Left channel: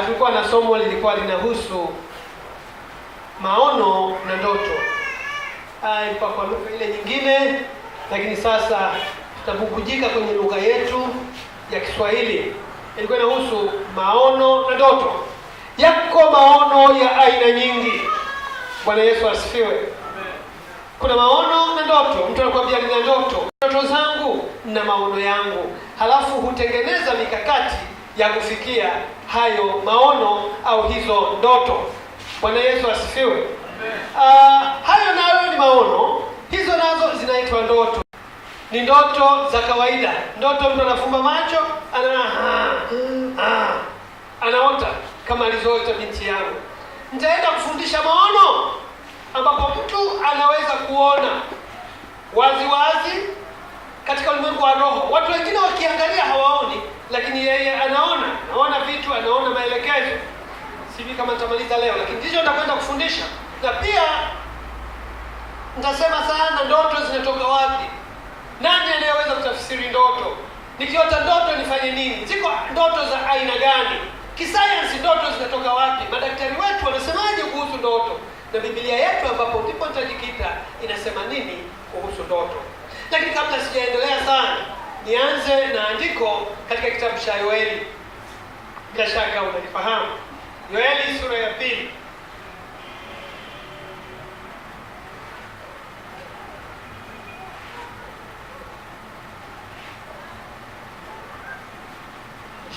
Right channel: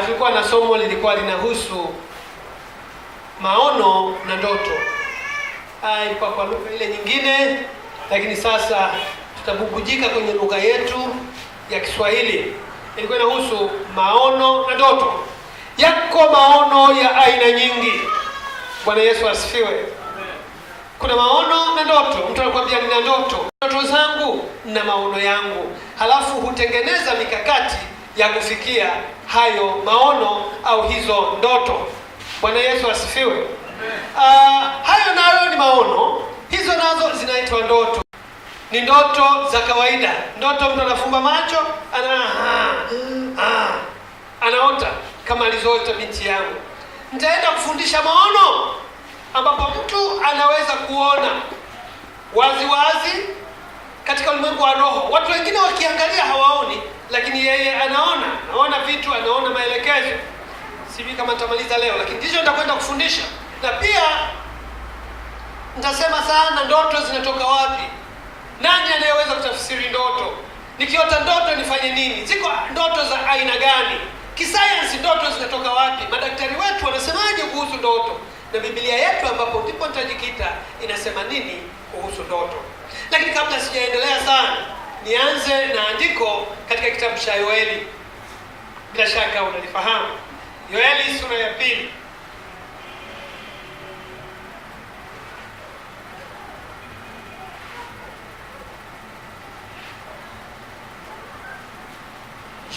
Tulikuwa na somo lilikuwa linahusu maono na ndoto. Ilikuwa kwa lugha ile nyingine, lakini sasa tutabubujika kwenye lugha yetu ya Kiswahili. Ilikuwa inahusu maono na ndoto. Yako maono ya aina nyingi. Bwana Yesu asifiwe. Kuna maono na ndoto. Mtu anakuambia nina ndoto zangu na maono yangu, halafu hutengeneza mikakati ya kufikia hayo maono au hizo ndoto. Bwana Yesu asifiwe. Hayo nayo ni maono, hizo nazo zinaitwa ndoto. Ni ndoto za kawaida. Ndoto mtu anafumba macho, anaota kama alizoota binti yangu. Nitaenda kufundisha maono ambapo mtu anaweza kuona wazi wazi katika ulimwengu wa roho. Watu wengine wakiangalia hawaoni, lakini yeye anaona vitu, anaona maelekezo. Sijui kama nitamaliza leo, lakini ndicho nitakwenda kufundisha. Na pia nitasema sana ndoto zinatoka wapi. Nani anayeweza kutafsiri ndoto? Nikiota ndoto nifanye nini? Ziko ndoto za aina gani? Kisayansi ndoto zinatoka wapi? Madaktari wetu wanasemaje kuhusu ndoto? Na Biblia yetu ambapo ndipo nitajikita inasema nini kuhusu ndoto. Lakini kabla sijaendelea sana, nianze na andiko katika kitabu cha Yoeli. Bila shaka unalifahamu. Yoeli sura ya 2.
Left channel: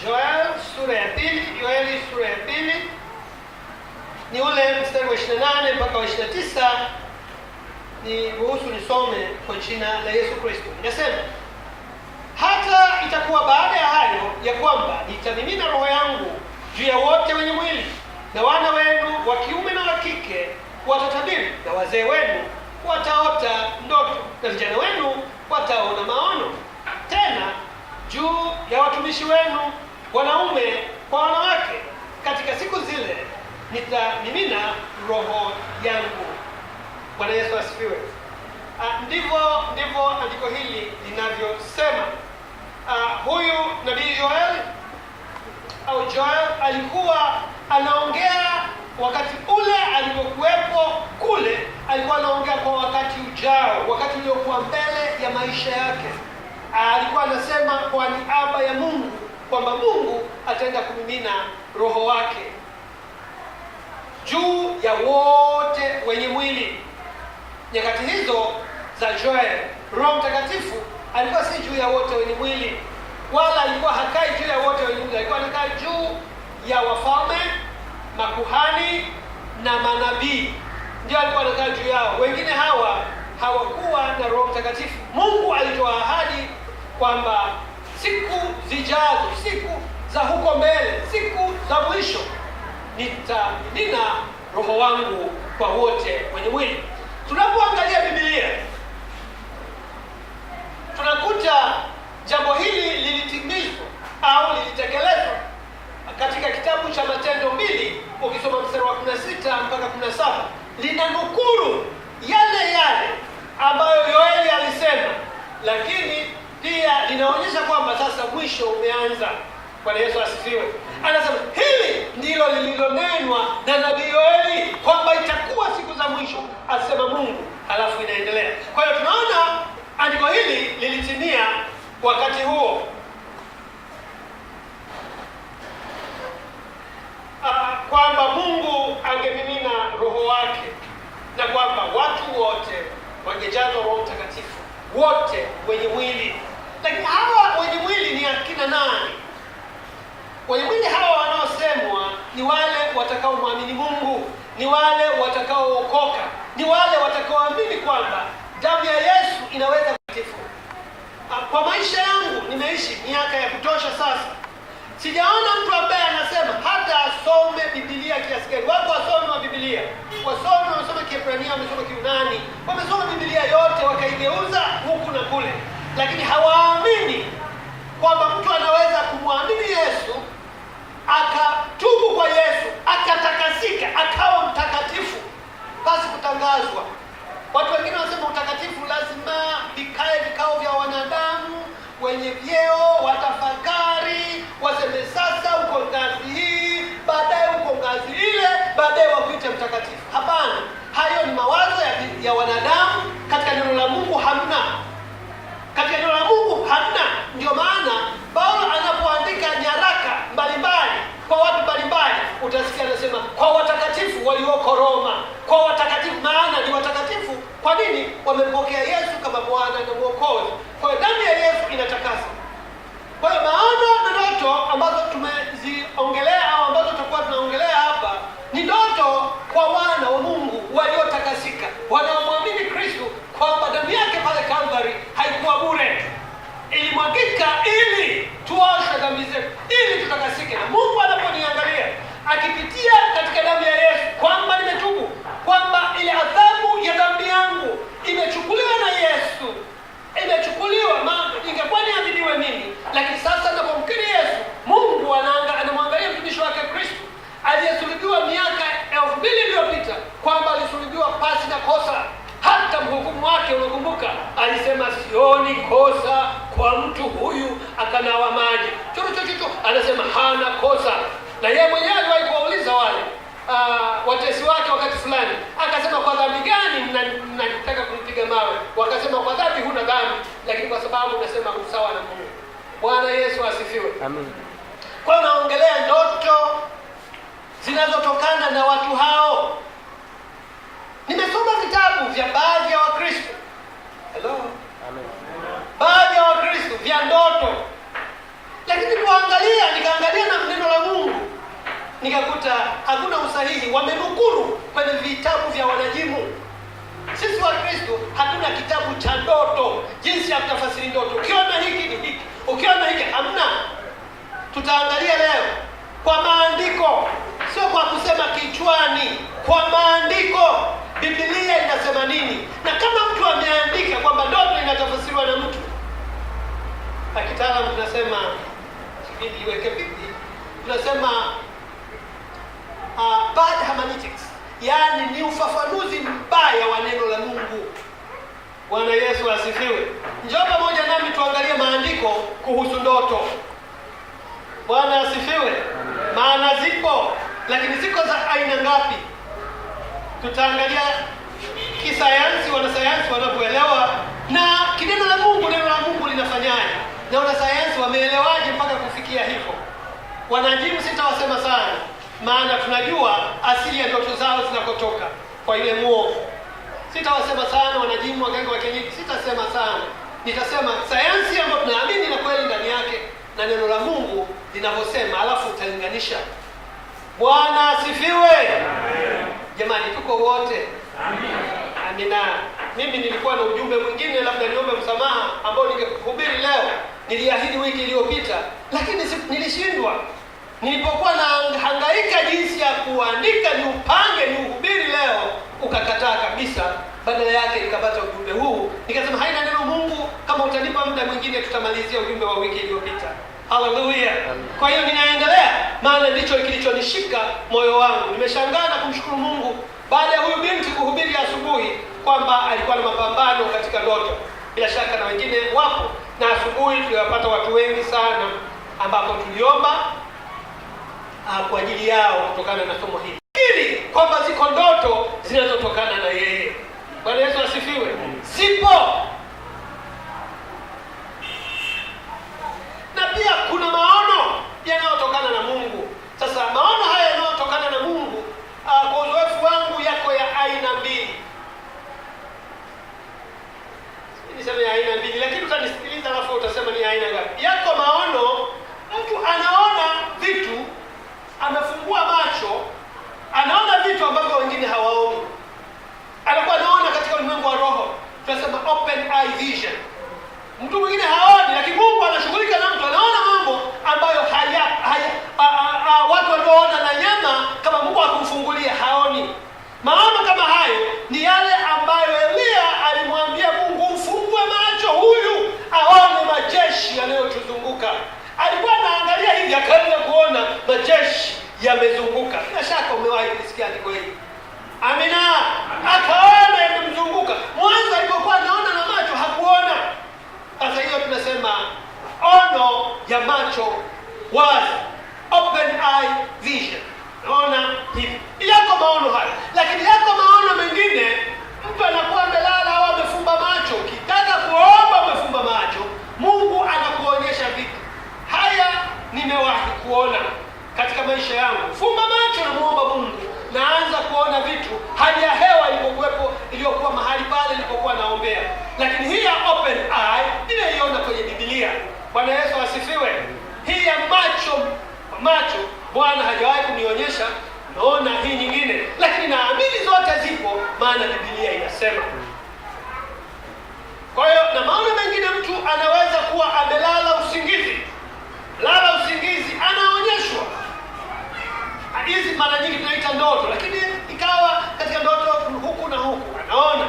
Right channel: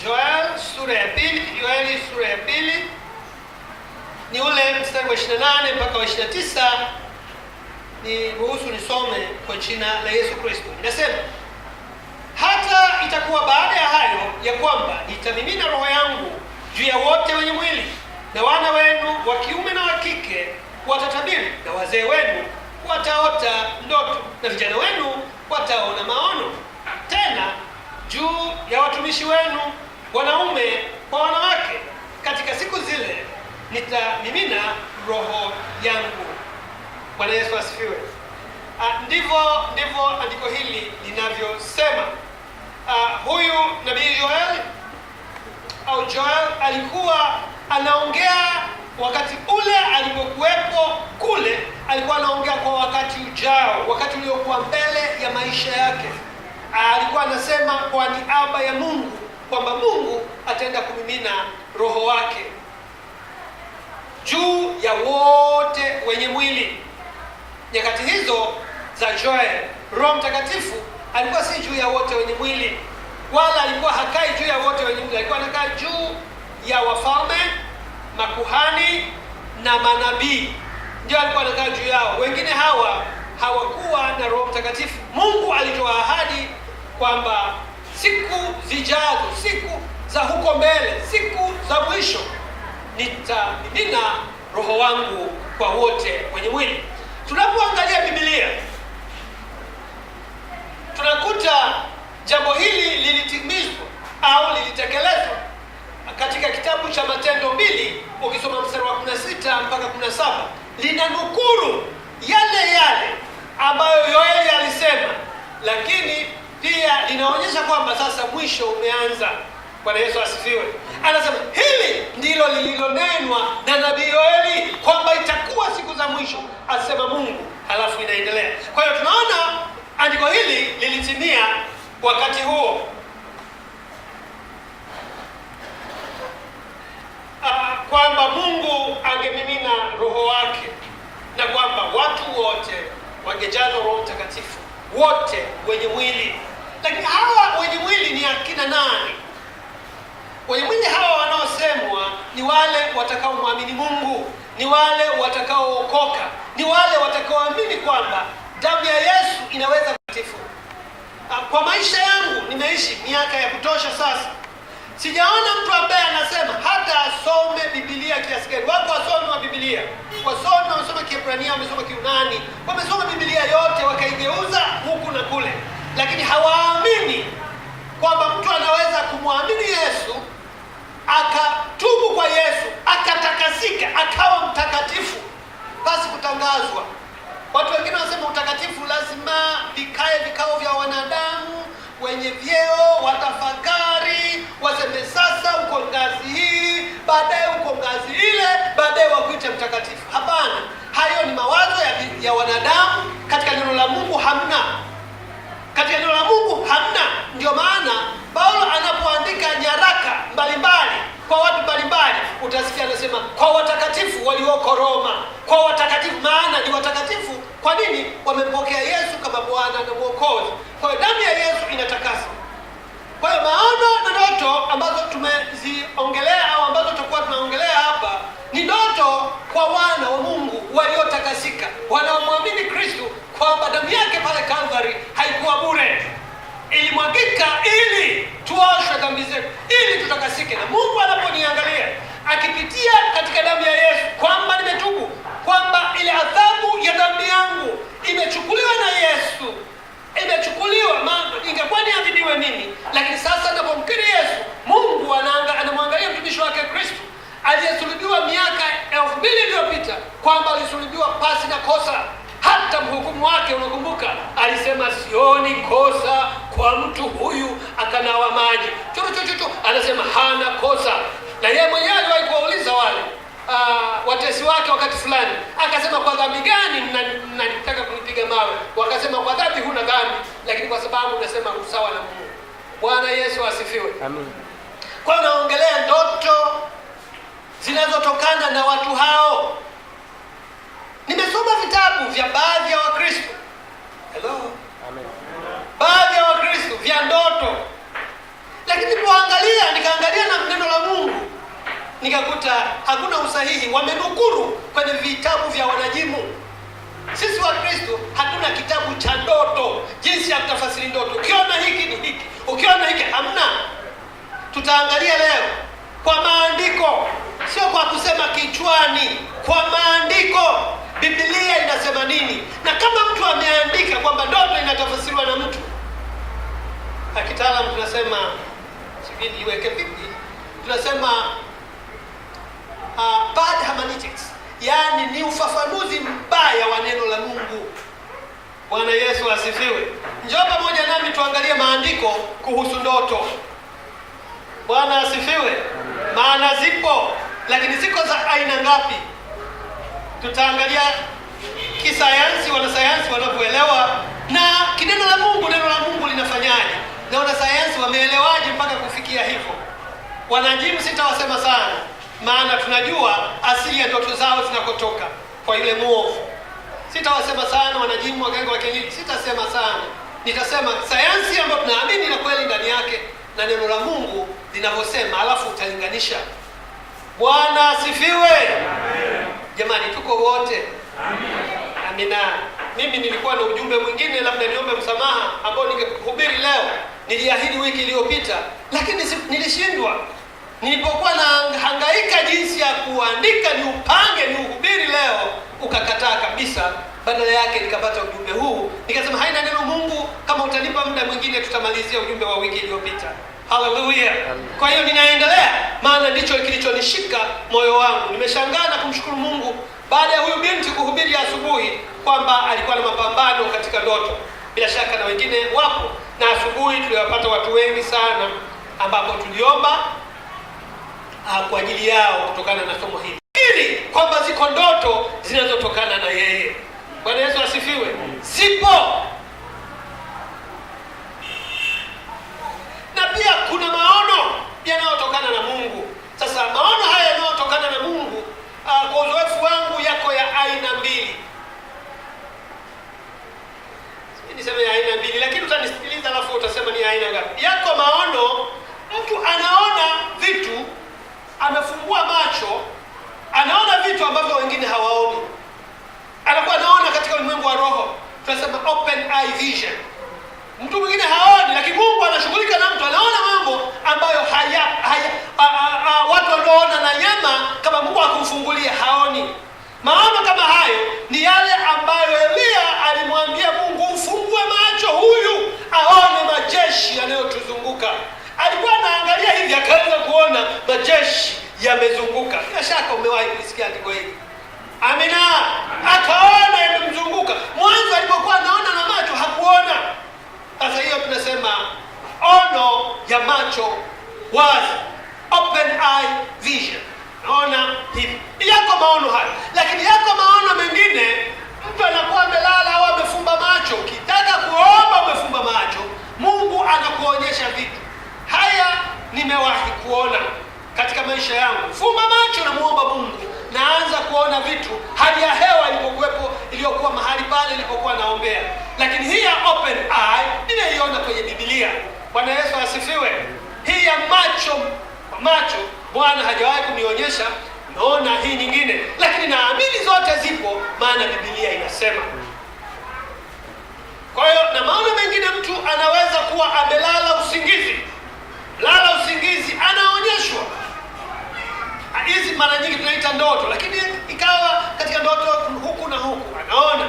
Yoeli sura ya 2 ni ule mstari wa 28 mpaka wa 29. Ni ruhusu nisome kwa jina la Yesu Kristo. Inasema, hata itakuwa baada ya hayo ya kwamba nitamimina roho yangu juu ya wote wenye mwili, na wana wenu wa kiume na wa kike watatabiri, na wazee wenu wataota ndoto, na vijana wenu wataona maono. Tena juu ya watumishi wenu wanaume kwa wanawake, katika siku zile nitamimina roho yangu. Bwana Yesu asifiwe. Ndivyo andiko hili linavyosema. Huyu nabii Joel alikuwa anaongea wakati ule alipokuwepo kule, alikuwa anaongea kwa wakati ujao, wakati uliokuwa mbele ya maisha yake. Alikuwa anasema kwa niaba ya Mungu kwamba Mungu ataenda kumimina roho wake juu ya wote wenye mwili. Nyakati hizo za Joel, Roho Mtakatifu alikuwa si juu ya wote wenye mwili, wala alikuwa hakai juu ya wote wenye mwili. Alikuwa anakaa juu ya wafalme, makuhani na manabii. Ndio alikuwa anakaa juu yao. Wengine hawakuwa na Roho Mtakatifu. Mungu alitoa ahadi kwamba siku zijazo, siku za huko mbele, siku za mwisho, nitamimina roho wangu kwa wote wenye mwili. Tunapoangalia Biblia tunakuta jambo hili lilitimizwa au lilitekelezwa katika kitabu cha Matendo 2. Ukisoma mstari wa 16 mpaka 17, linanukuru yale ambayo Yoeli alisema, lakini pia linaonyesha kwamba sasa mwisho umeanza. Bwana Yesu asifiwe. Anasema hili ndilo lililonenwa na nabii Yoeli kwamba itakuwa siku za mwisho, asema Mungu, halafu inaendelea. Kwa hiyo tunaona andiko hili lilitimia wakati huo. Kwamba Mungu angemimina roho wake na kwamba watu wote wangejazwa Roho Mtakatifu, wote wenye mwili. Lakini hawa wenye mwili ni akina nani? Wenye mwili hawa wanaosemwa ni wale watakaomwamini Mungu, ni wale watakaookoka, ni wale watakaoamini kwamba damu ya Yesu inaweza kutakatifu. Kwa maisha yangu nimeishi miaka ya kutosha sasa, sijaona mtu ambaye anasema hata asome Biblia kiasi gani. Wako wasomi wa Biblia, wasomi wamesoma Kiebrania, wamesoma Kiunani, wamesoma Biblia yote wakaigeuza huku na kule, lakini hawaamini kwamba mtu anaweza kumwamini Yesu, akatubu kwa Yesu, akatakasika, akawa mtakatifu, basi kutangazwa. Watu wengine wanasema utakatifu lazima vikae vikao vya wanadamu wenye vyeo, watafakari, waseme sasa uko ngazi hii, ya wanadamu, katika neno la Mungu hamna. Katika neno la Mungu hamna. Ndio maana Paulo anapoandika nyaraka mbalimbali kwa watu mbalimbali, utasikia anasema kwa watakatifu walioko Roma, kwa watakatifu. Maana ni watakatifu. Kwa nini? Wamempokea Yesu kama Bwana na Mwokozi. Kwa hiyo damu ya Yesu inatakasa. Kwa hiyo maono na ndoto ambazo tumeziongelea au ambazo tutakuwa tunaongelea hapa ni ndoto kwa wana wa Mungu waliotakasika, wanaomwamini Kristo kwamba damu yake pale Calvary haikuwa bure, ilimwagika ili tuoshe dhambi zetu, ili tutakasike. Na Mungu anaponiangalia akipitia katika damu ya Yesu kwamba nimetubu, kwamba ile adhabu ya dhambi yangu imechukuliwa na Yesu, imechukuliwa. Maana ingekuwa niadhibiwe mimi, lakini sasa ninapomkiri Yesu, Mungu anamwangalia mtumishi wake Kristo aliyesulubiwa miaka 2000 iliyopita kwamba alisulubiwa pasi na kosa. Hata mhukumu wake, unakumbuka, alisema sioni kosa kwa mtu huyu, akanawa maji chochochocho, anasema hana kosa. Na yeye mwenyewe aliwahi kuwauliza wale watesi wake wakati fulani, akasema kwa dhambi gani mnataka kunipiga mawe? Wakasema kwa dhambi huna dhambi, lakini kwa sababu unasema usawa na Mungu. Bwana Yesu asifiwe. Amen. Kwa naongelea ndoto zinazotokana na watu hao. Nimesoma vitabu vya baadhi ya Wakristo. Hello. Amen. Baadhi ya Wakristo vya ndoto. Lakini nikaangalia na neno la Mungu, nikakuta hakuna usahihi. Wamenukuru kwenye vitabu vya wanajimu. Sisi Wakristo hatuna kitabu cha ndoto, jinsi ya kutafasiri ndoto. Ukiona hiki ni hiki, ukiona hiki hamna. Tutaangalia leo kwa maandiko, sio kwa kusema kichwani, kwa maandiko. Biblia inasema nini? Na kama mtu ameandika kwamba ndoto inatafasiriwa na mtu, kitaalamu tunasema, sijui niweke vipi, tunasema bad hermeneutics, yaani ni ufafanuzi mbaya wa neno la Mungu. Bwana Yesu asifiwe. Njoo pamoja nami tuangalie maandiko kuhusu ndoto. Bwana asifiwe. Maana zipo, lakini ziko za aina ngapi? Tutaangalia kisayansi, wanasayansi wanavyoelewa, na kineno la Mungu, neno la Mungu linafanyaje, na wanasayansi wameelewaje mpaka kufikia hivyo. Wanajimu sitawasema sana, maana tunajua asili ya ndoto zao zinakotoka kwa yule muovu. Sitawasema sana wanajimu, waganga wa kienyeji, sitasema sana. Nitasema sayansi ambayo tunaamini na kweli ndani yake na neno la Mungu linavyosema, alafu utalinganisha. Bwana asifiwe. Amen. Jamani, tuko wote? Amen. Amina. Mimi nilikuwa na ujumbe mwingine, labda niombe msamaha, ambao ningehubiri leo. Niliahidi wiki iliyopita, lakini nilishindwa. Nilipokuwa na hangaika jinsi ya kuandika niupange niuhubiri leo, ukakataa kabisa. Badala yake nikapata ujumbe huu, nikasema haina neno Mungu, kama utanipa muda mwingine tutamalizia ujumbe wa wiki iliyopita. Haleluya. Kwa hiyo ninaendelea, maana ndicho kilichonishika moyo wangu. Nimeshangaa na kumshukuru Mungu baada ya huyu binti kuhubiri asubuhi kwamba alikuwa na mapambano katika ndoto. Bila shaka na wengine wapo, na asubuhi tuliwapata watu wengi sana ambapo tuliomba kwa ajili yao kutokana na somo hili, ili kwamba ziko ndoto zinazotokana na yeye. Bwana Yesu asifiwe. Zipo. Na pia kuna maono yanayotokana na Mungu. Sasa maono haya yanayotokana na Mungu, kwa uzoefu wangu, yako ya aina mbili. Niseme ya aina mbili, lakini utanisikiliza alafu utasema ni aina gani. Yako maono, mtu anaona vitu, amefungua macho, anaona vitu ambavyo wengine hawaoni. Anakuwa anaona katika ulimwengu wa roho. Tunasema open eye vision. Mtu mwingine haoni, lakini Mungu anashughulika na mtu, anaona mambo ambayo watu wanaoona na nyama, kama Mungu akumfungulia haoni. Maono kama hayo ni yale ambayo Elia alimwambia Mungu, ufungue macho huyu aone majeshi yanayotuzunguka. Alikuwa anaangalia hivi, akaanza kuona majeshi yamezunguka. Bila shaka umewahi kusikia andiko hili. Amina. Akaona yamemzunguka. Mwanzo alipokuwa anaona na macho hakuona. Sasa hiyo tunasema ono ya macho wazi, open eye vision. Naona hivi. Yako maono haya. Lakini yako maono mengine, mtu anakuwa kuona katika maisha yangu. Fumba macho na muomba Mungu, naanza kuona vitu, hali ya hewa ilipokuwepo, iliyokuwa mahali pale nilipokuwa naombea. Lakini hii ya open eye nimeiona kwenye Biblia. Bwana Yesu asifiwe. Hii ya macho Bwana hajawahi kunionyesha, naona hii nyingine, lakini naamini zote zipo, maana Biblia inasema. Kwa hiyo na maana mengine, mtu anaweza kuwa amelala usingizi, anaonyeshwa. Hizi mara nyingi tunaita ndoto, lakini ikawa katika ndoto huku na huku anaona.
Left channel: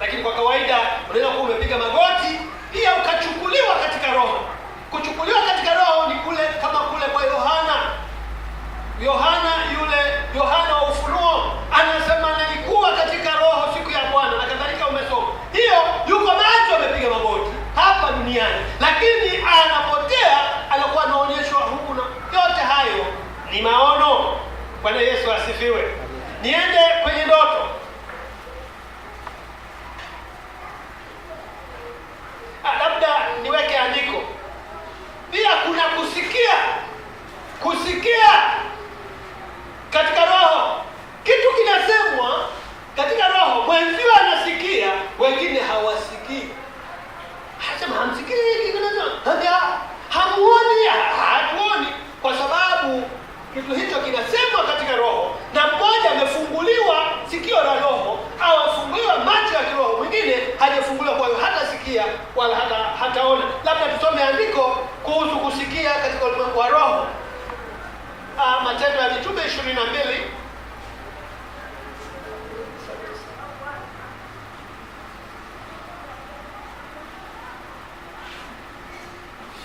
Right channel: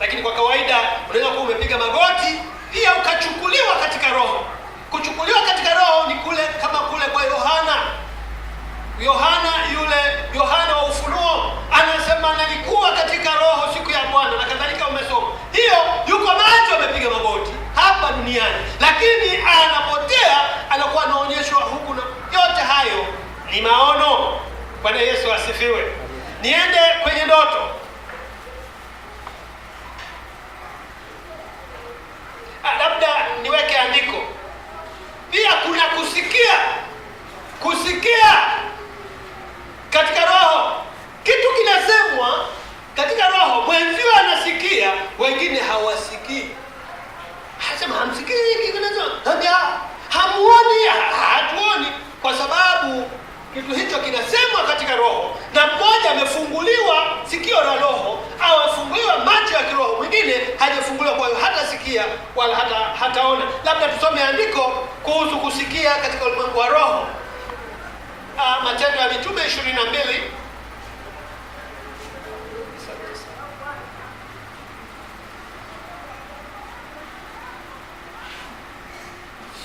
Lakini kwa kawaida unaweza kuwa umepiga magoti, pia ukachukuliwa katika roho. Kuchukuliwa katika roho ni kule, kama kule kwa Yohana wa Ufunuo anasema nilikuwa katika roho siku ya Bwana na kadhalika. Umesoma hiyo, yuko macho amepiga magoti hapa duniani, lakini anapotea, anakuwa anaonyeshwa huku na yote hayo ni maono. Bwana Yesu asifiwe. Niende kwenye ndoto. Labda niweke andiko. Pia kuna kusikia katika roho. Kitu kinasemwa katika roho, mwenzio anasikia, wengine hawasikii. Anasema hamsikii hiki kinasema, hamuoni, hatuoni, kwa sababu kitu hicho kinasemwa katika roho, na mmoja amefunguliwa sikio la roho au afunguliwa macho ya kiroho, mwingine hajafunguliwa, kwa hiyo hatasikia wala hataona. Labda tusome andiko kuhusu kusikia katika ulimwengu wa roho. Matendo ya Mitume 22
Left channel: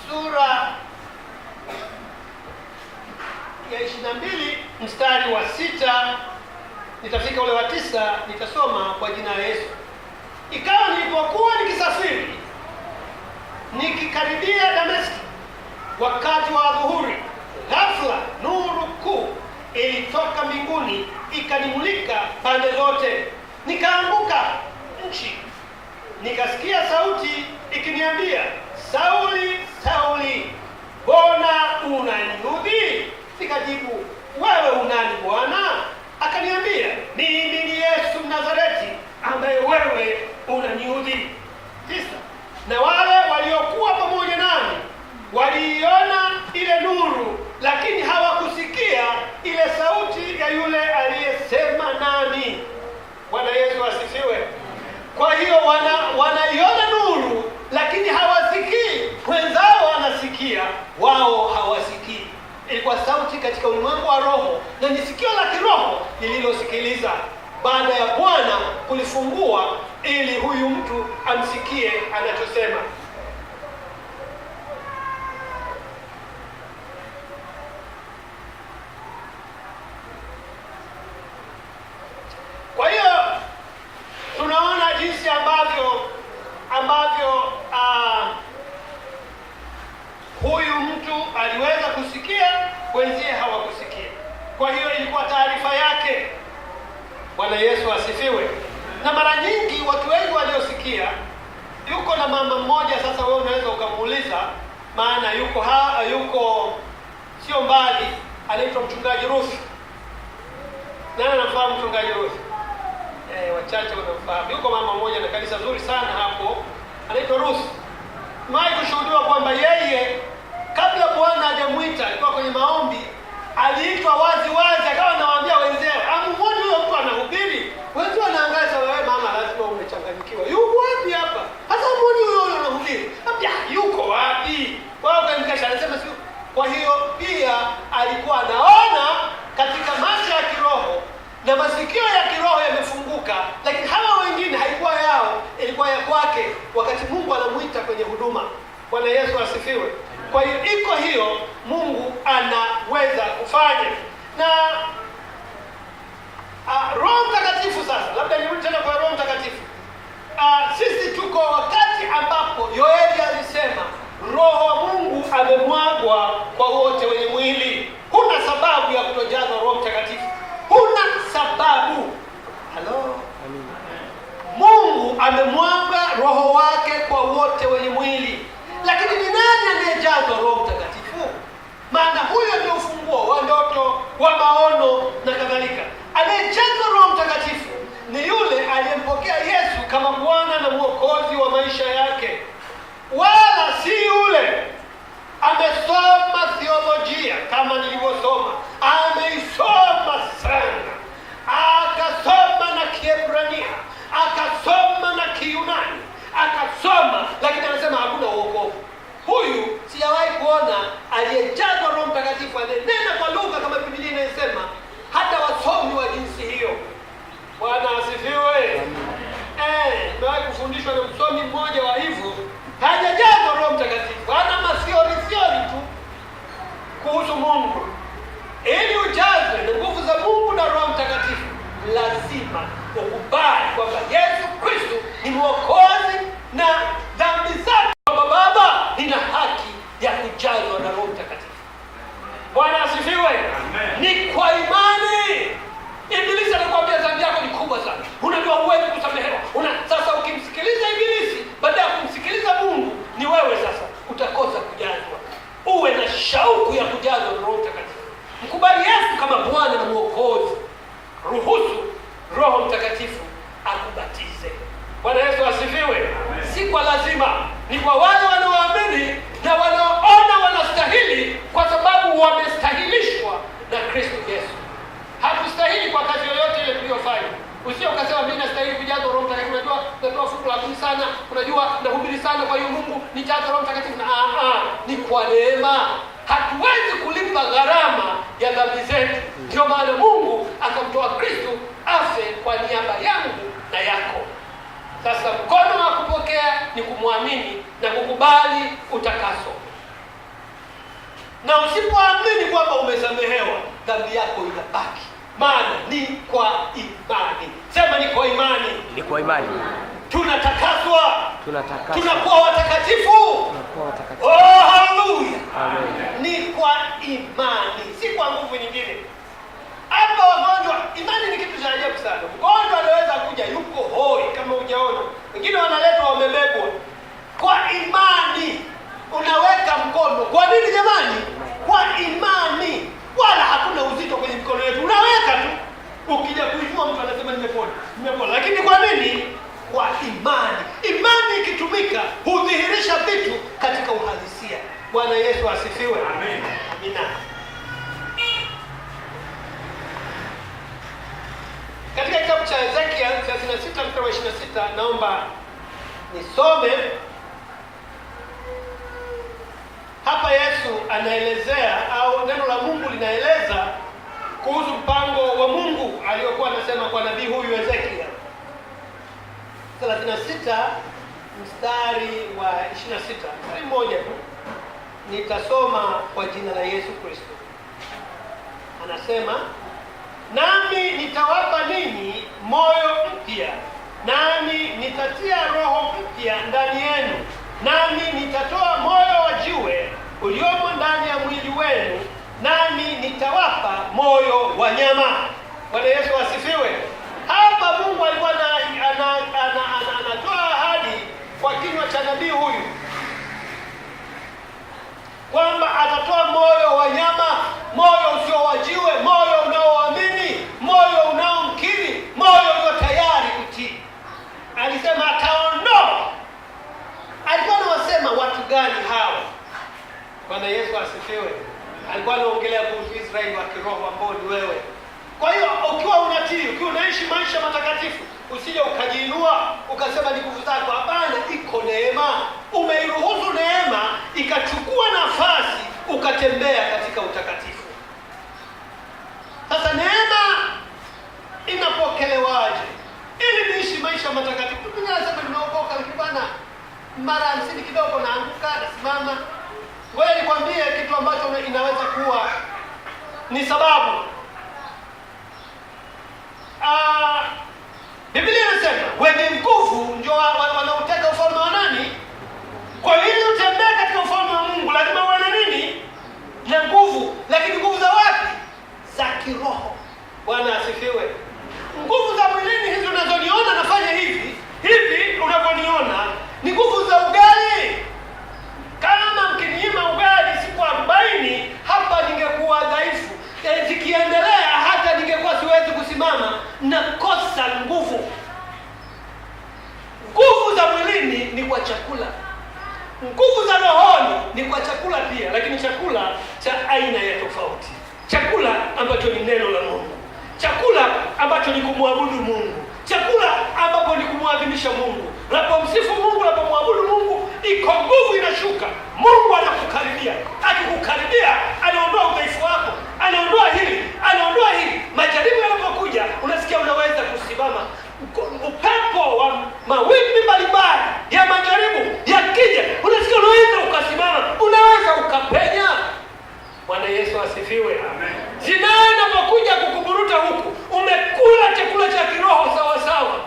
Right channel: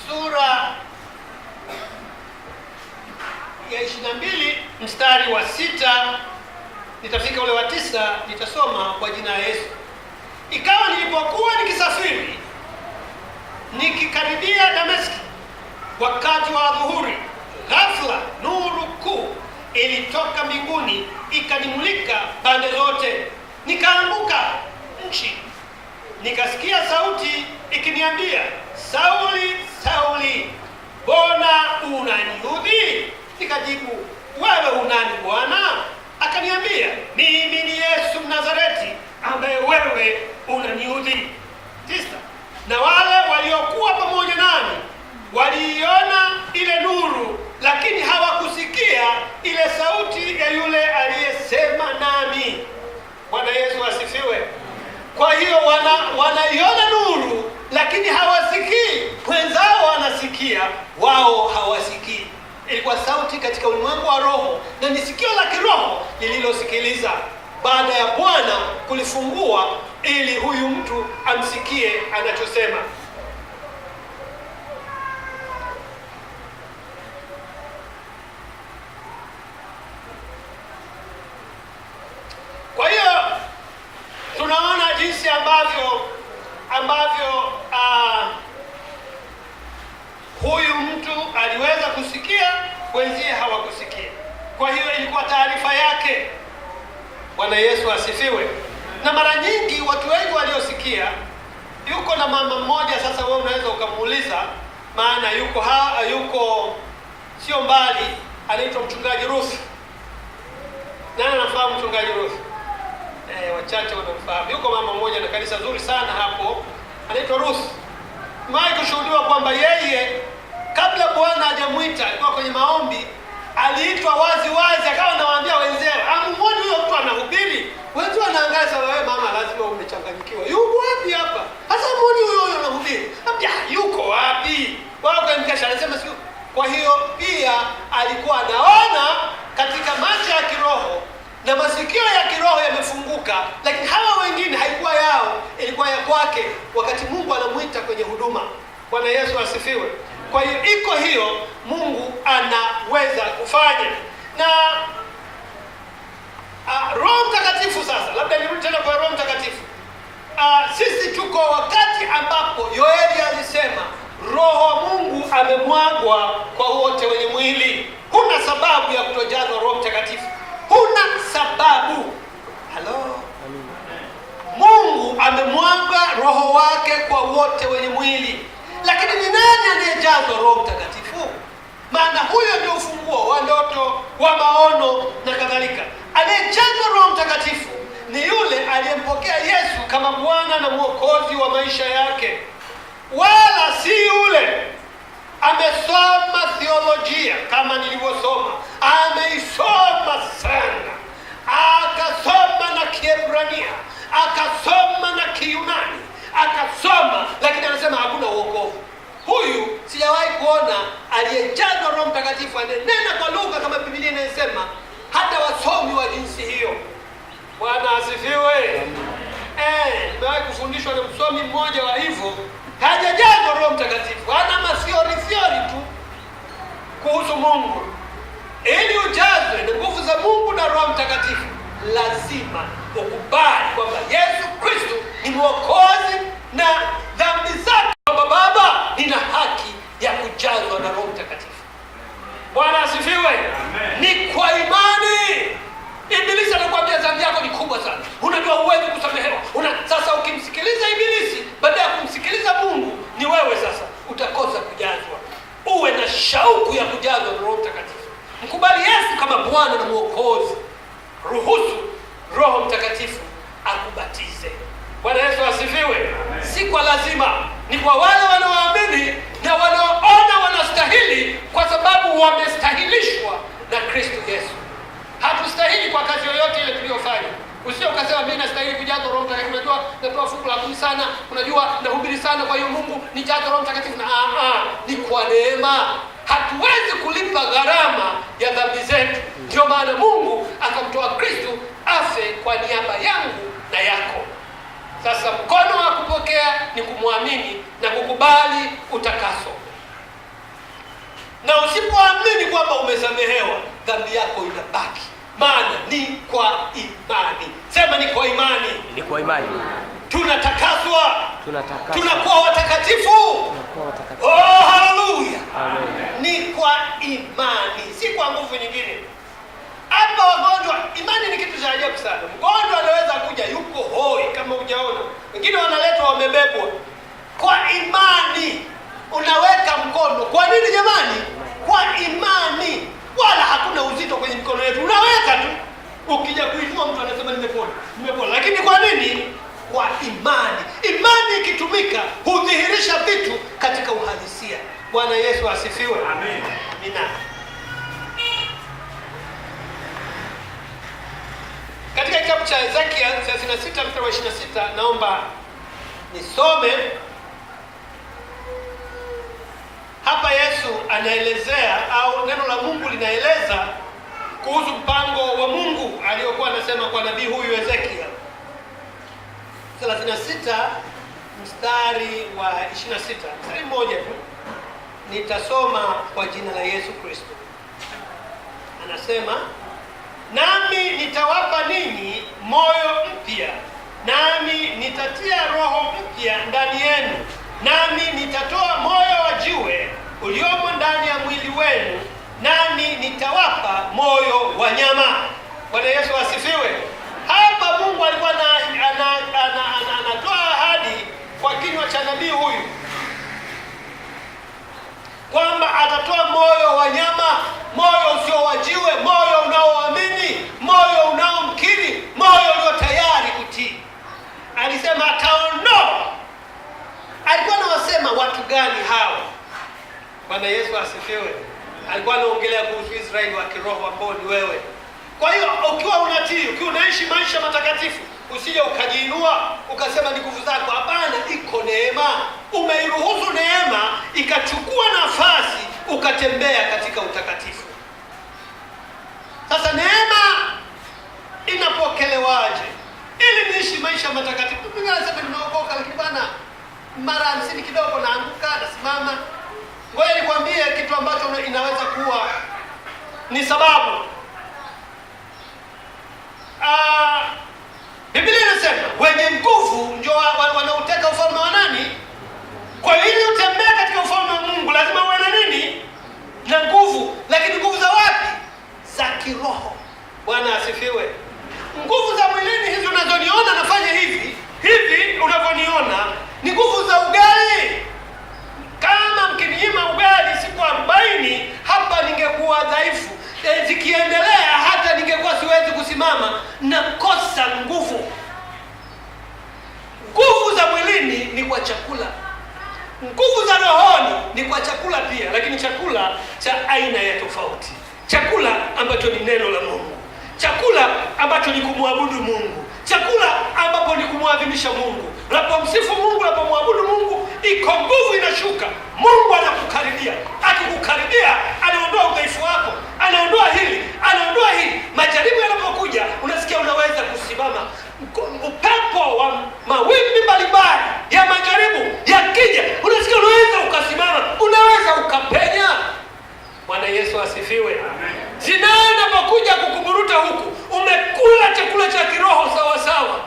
sura ya 22 mstari wa 6, nitafika ule wa 9, nitasoma kwa jina la Yesu. Ikawa nilipokuwa nikisafiri nikikaribia Dameski wakati wa dhuhuri, ghafla nuru kuu ilitoka mbinguni ikanimulika pande zote. Nikaanguka nchi, nikasikia sauti ikiniambia, Sauli, Sauli, mbona unaniudhi? Nikajibu, wewe unani Bwana? Akaniambia, mimi ni Yesu Mnazareti ambaye wewe unaniudhi. 9. Na wale waliokuwa pamoja nami waliiona ile nuru, lakini hawakusikia ile sauti ya yule aliyesema nami. Bwana Yesu asifiwe. Kwa hiyo wanaiona nuru, lakini hawasikii. Wenzao wanasikia, wao hawasikii. Ilikuwa sauti katika ulimwengu wa roho, na ni sikio la kiroho lililosikiliza baada ya Bwana kulifungua ili huyu mtu amsikie anachosema. Kwa hiyo tunaona jinsi ambavyo huyu mtu aliweza kusikia, wenzie hawakusikia. Kwa hiyo ilikuwa taarifa yake. Bwana Yesu asifiwe. Na mara nyingi watu wengi waliosikia, yuko na mama mmoja sasa, wewe unaweza ukamuuliza, maana yuko sio mbali, anaitwa mchungaji Ruth. Nani anafahamu mchungaji Ruth? Wachache wanamfahamu. Yuko mama mmoja na kanisa zuri sana hapo, anaitwa Ruth. Mwahi kushuhudiwa kwamba yeye kabla Bwana hajamuita, alikuwa kwenye maombi, aliitwa wazi, akawa anawaambia wenzao, amuone huyo mtu anahubiri. Watu wanaangaza, wewe mama lazima umechanganyikiwa. Yuko wapi hapa? Hata muone huyo anahubiri. Yuko wapi? Wao kanikasha anasema sio. Kwa hiyo pia alikuwa anaona katika macho ya kiroho na masikio ya kiroho yamefunguka, lakini hawa wengine haikuwa yao, ilikuwa ya kwake wakati Mungu anamuita kwenye huduma. Bwana Yesu asifiwe. Kwa hiyo iko hiyo, Mungu anaweza kufanya. Na Roho Mtakatifu sasa, labda nirudi tena kwa Roho Mtakatifu. Sisi tuko wakati ambapo Yoeli alisema Roho wa Mungu amemwagwa kwa wote wenye mwili. Huna sababu ya kutojazwa Roho Mtakatifu. Huna sababu. Halo. Mungu amemwaga Roho wake kwa wote wenye mwili. Lakini ni nani anayejazwa Roho Mtakatifu? Maana huyo ndio Mtakatifu, ananena kwa lugha kama Biblia inasema, hata wasomi wa jinsi hiyo. Bwana asifiwe. Nimewahi kufundishwa na msomi mmoja wa hivyo, hajajazwa Roho Mtakatifu, ana masiori tu kuhusu Mungu. Ili ujazwe na nguvu za Mungu na Roho Mtakatifu, lazima ukubali kwamba Yesu Kristo ni Mwokozi na dhambi zako, kwamba Baba, nina haki ya kujazwa na Roho Mtakatifu. Bwana asifiwe. Ni kwa imani. Ibilisi anakuambia dhambi yako ni kubwa sana, unajua huwezi kusamehewa. Sasa ukimsikiliza Ibilisi baada ya kumsikiliza Mungu, ni wewe sasa utakosa kujazwa. Uwe na shauku ya kujazwa na Roho Mtakatifu. Mkubali Yesu kama Bwana na Mwokozi. Ruhusu Roho Mtakatifu akubatize. Bwana Yesu asifiwe. Si kwa lazima, ni kwa wale wanaoamini na wanaoona wanastahili, kwa sababu wamestahilishwa na Kristo Yesu. Hatustahili kwa kazi yoyote ile tuliyofanya. Usio ukasema mimi nastahili kujazwa Roho Mtakatifu, unajua natoa fungu la 10 sana, unajua nahubiri sana, kwa hiyo Mungu nijaze Roho Mtakatifu. Ni kwa neema. Hatuwezi kulipa gharama ya dhambi zetu. Ndio maana Mungu akamtoa Kristo afe kwa niaba yangu na yako. Sasa mkono wa kupokea ni kumwamini na kukubali utakaso. Na usipoamini kwamba umesamehewa, dhambi yako inabaki. Maana ni kwa imani. Sema ni kwa imani. Ni kwa imani. Tunatakaswa. Tunakuwa watakatifu. Haleluya. Amen. Ni kwa imani, si kwa nguvu nyingine. Hapa wagonjwa, imani ni kitu cha ajabu sana. Mgonjwa anaweza kuja yuko hoi kama hujaona. Wengine wanaletwa wamebebwa. Kwa imani unaweka mkono. Kwa nini jamani? Kwa imani. Wala hakuna uzito kwenye mikono yetu. Unaweka tu. Ukija kuinua mtu anasema nimepona. Lakini kwa nini? Kwa imani. Imani ikitumika hudhihirisha vitu katika uhalisia. Bwana Yesu asifiwe. Amen. Amina. Katika kitabu cha Ezekiel 36 mstari wa 26, naomba nisome. Hapa Yesu anaelezea, au neno la Mungu linaeleza kuhusu mpango wa Mungu aliyokuwa anasema kwa nabii huyu Ezekiel. 36 mstari wa 26, mstari mmoja tu. Nitasoma kwa jina la Yesu Kristo. Anasema, nami nitawapa ninyi moyo mpya, nami nitatia roho mpya ndani yenu, nami nitatoa moyo wa jiwe uliomo ndani ya mwili wenu, nami nitawapa moyo wa nyama. Bwana Yesu asifiwe. Hapa Mungu alikuwa anatoa ahadi kwa kinywa cha nabii huyu kwamba atatoa moyo wa nyama, moyo usio wa jiwe, moyo unaoamini, moyo unaomkiri, moyo ulio tayari kutii. Alisema ataondoa. Alikuwa anawasema watu gani hawa? Bwana Yesu asifiwe. Alikuwa anaongelea kuhusu Israeli wa kiroho ambao ni wewe. Kwa hiyo ukiwa unatii, ukiwa unaishi maisha matakatifu, usije ukajiinua ukasema ni nguvu zako. Hapana, iko neema. Umeiruhusu neema ikachukua nafasi, ukatembea katika utakatifu. Sasa neema inapokelewaje ili niishi maisha matakatifu? Mimi nasema nimeokoka, lakini bwana mara 50 kidogo naanguka, nasimama. Ngoja nikwambie kitu ambacho inaweza kuwa ni sababu. Biblia inasema wenye nguvu ndio wanaoteka ufalme wa nani? Kwa hiyo ili utembee katika ufalme wa Mungu lazima uwe na nini? Na nguvu. Lakini nguvu za wapi? Za kiroho. Bwana asifiwe. Nguvu za mwilini hizo unazoniona nafanya hivi unavyoniona ni nguvu za ugali. Kama mkiniima ugali siku 40, hapa ningekuwa dhaifu. Zikiendelea hata ningekuwa siwezi kusimama, nakosa nguvu. Nguvu za mwilini ni kwa chakula. Nguvu za rohoni ni kwa chakula pia, lakini chakula cha aina ya tofauti. Chakula ambacho ni neno la Mungu. Chakula ambacho ni kumwabudu Mungu. chakula ambapo ni kumwadhimisha Mungu. Unapomsifu Mungu, unapomwabudu Mungu, iko nguvu inashuka. Mungu anakukaribia. Akikukaribia, anaondoa udhaifu wako, anaondoa hili, anaondoa hili. Majaribu yanapokuja, unasikia unaweza kusimama. Upepo wa mawimbi mbalimbali ya majaribu yakija, unasikia unaweza ukasimama, unaweza ukapenya. Bwana Yesu asifiwe. Amen. Zinaa inapokuja kukuburuta huku, umekula chakula cha kiroho sawa sawa.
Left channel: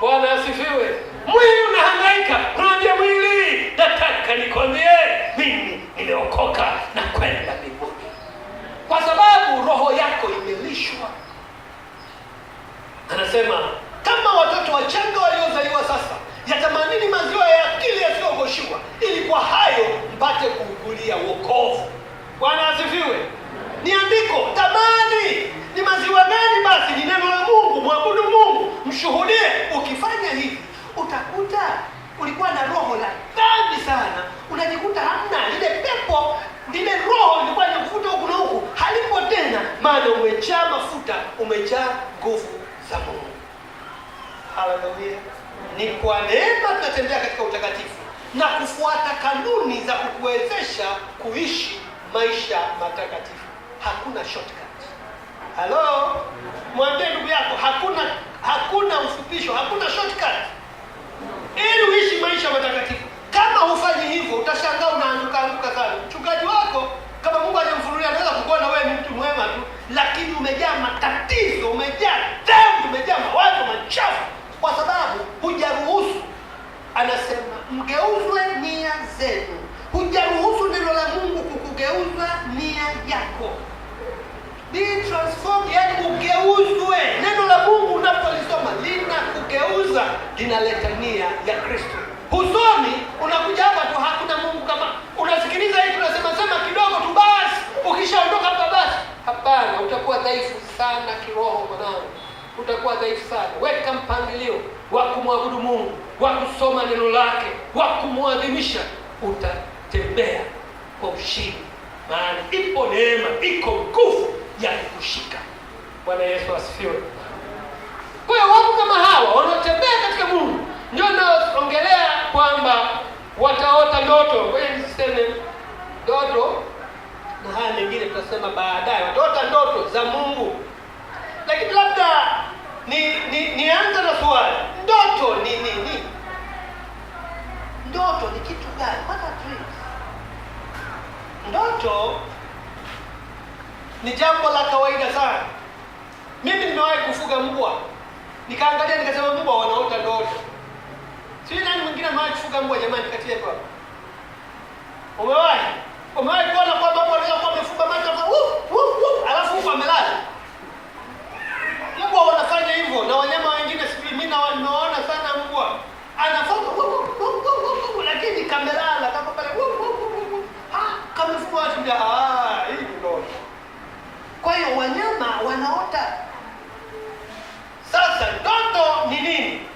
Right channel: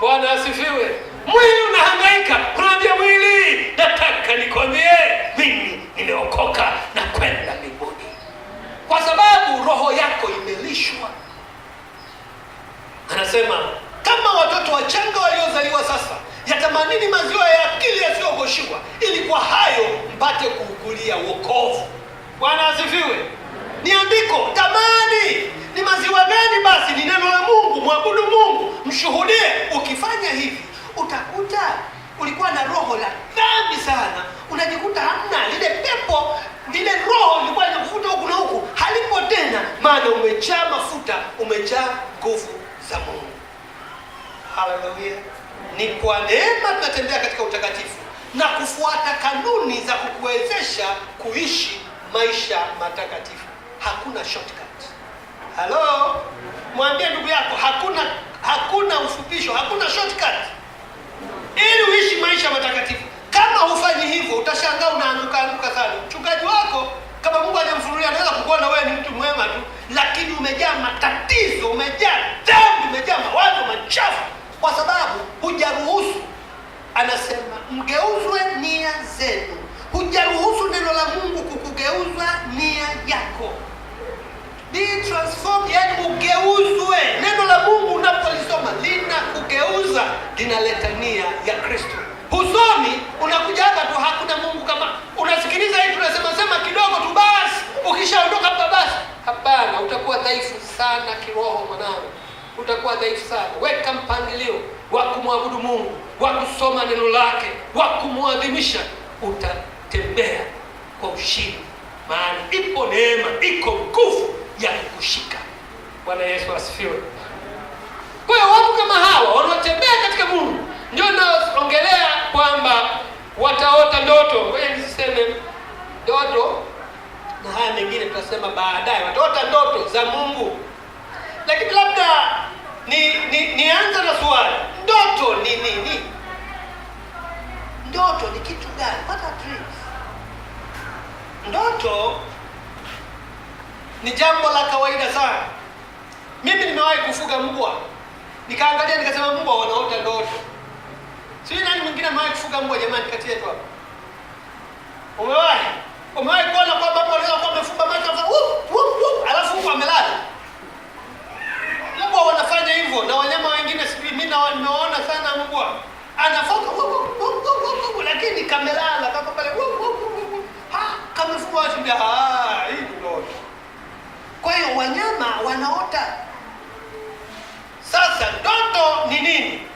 Bwana asifiwe. Mwili unahangaika, unaambia mwili, nataka nikwambie mimi nimeokoka na kwenda mbinguni, kwa sababu roho yako imelishwa. Anasema kama watoto wachanga waliozaliwa sasa, yatamanini maziwa ya akili yasiyogoshiwa, ili kwa hayo mpate kuukulia wokovu. Bwana asifiwe. Ni andiko, tamani. Ni maziwa gani basi? Ni neno la Mungu. Mwabudu Mungu, mshuhudie. Ukifanya hivi, utakuta ulikuwa na roho la dhambi sana, unajikuta hamna lile pepo, lile roho lilikuwa linakuvuta huku na huku, halipo tena, maana umejaa mafuta, umejaa nguvu za Mungu. Haleluya. Ni kwa neema tunatembea katika utakatifu na kufuata kanuni za kukuwezesha kuishi maisha matakatifu. Hakuna shortcut. Halo, mwambie ndugu yako, hakuna ufupisho, hakuna shortcut ili uishi maisha matakatifu. Kama hufanyi hivyo, utashangaa unaanguka sana. Mchungaji wako, kama Mungu hajamfunulia, anaweza kukuona wewe ni mtu mwema tu, lakini umejaa matatizo, umejaa dhambi, umejaa mawazo machafu, kwa sababu hujaruhusu. Anasema mgeuzwe nia zenu. Hujaruhusu neno la Mungu kukugeuza nia yako. Be transformed, yani ugeuzwe. Neno la Mungu unapolisoma linakugeuza, linaleta nia ya Kristo. Husomi, unakuja hapa tu, hakuna Mungu. Kama unasikiliza hii tunasema sema kidogo tu basi, ukishaondoka hapa basi. Hapana, utakuwa dhaifu sana kiroho mwanangu. Utakuwa dhaifu sana. Weka mpangilio wa kumwabudu Mungu, wa kusoma neno lake, wa kumwadhimisha. Utatembea kwa ushindi, maana ipo neema, iko nguvu ya kukushika. Bwana Yesu asifiwe. Kwa hiyo watu kama hawa wanaotembea katika Mungu ndio naongelea kwamba wataota ndoto. Wewe niseme ndoto, na haya mengine tutasema baadaye. Wataota ndoto za Mungu. Lakini labda nianze na swali. Ndoto ni nini? Ndoto ni kitu gani? What are dreams? Ndoto ni jambo la kawaida sana. Mimi nimewahi kufuga mbwa. Nikaangalia nikasema mbwa wanaota ndoto. Sio nani mwingine amewahi kufuga mbwa jamani kati yetu hapa? Umewahi? Umewahi kuona kwamba hapo anaweza kuwa amefunga macho alafu huko amelala? Mbwa wanafanya hivyo na wanyama wengine mimi nimeona sana mbwa. Anafoka lakini kamelala kama pale kamefunga watu mbia hii ni ndoto. Kwa hiyo wanyama wanaota. Sasa ndoto ni nini?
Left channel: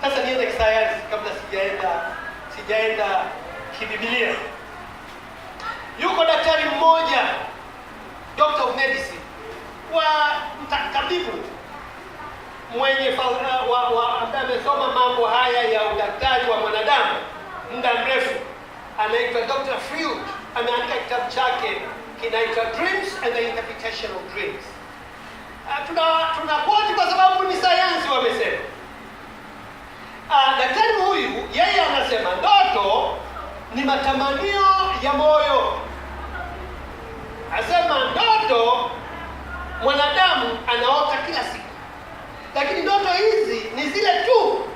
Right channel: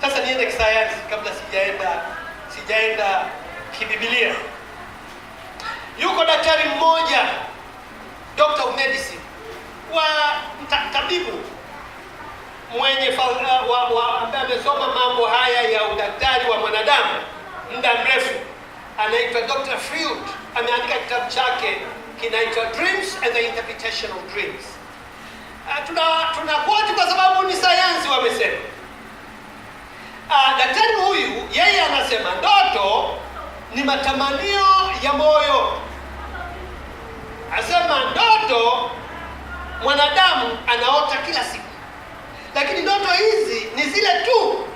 Sasa niende kisayansi kabla sijaenda kibibilia. Yuko daktari mmoja, doctor of medicine, wa tabibu mwenye ambaye amesoma mambo haya ya udaktari wa mwanadamu muda mrefu, anaitwa Dr. Freud. Ameandika kitabu chake kinaitwa Dreams and the Interpretation of Dreams. Tunakoti kwa sababu ni sayansi wamesema. Daktari huyu yeye anasema ndoto ni matamanio ya moyo. Anasema ndoto mwanadamu anaota kila siku, lakini ndoto hizi ni zile tu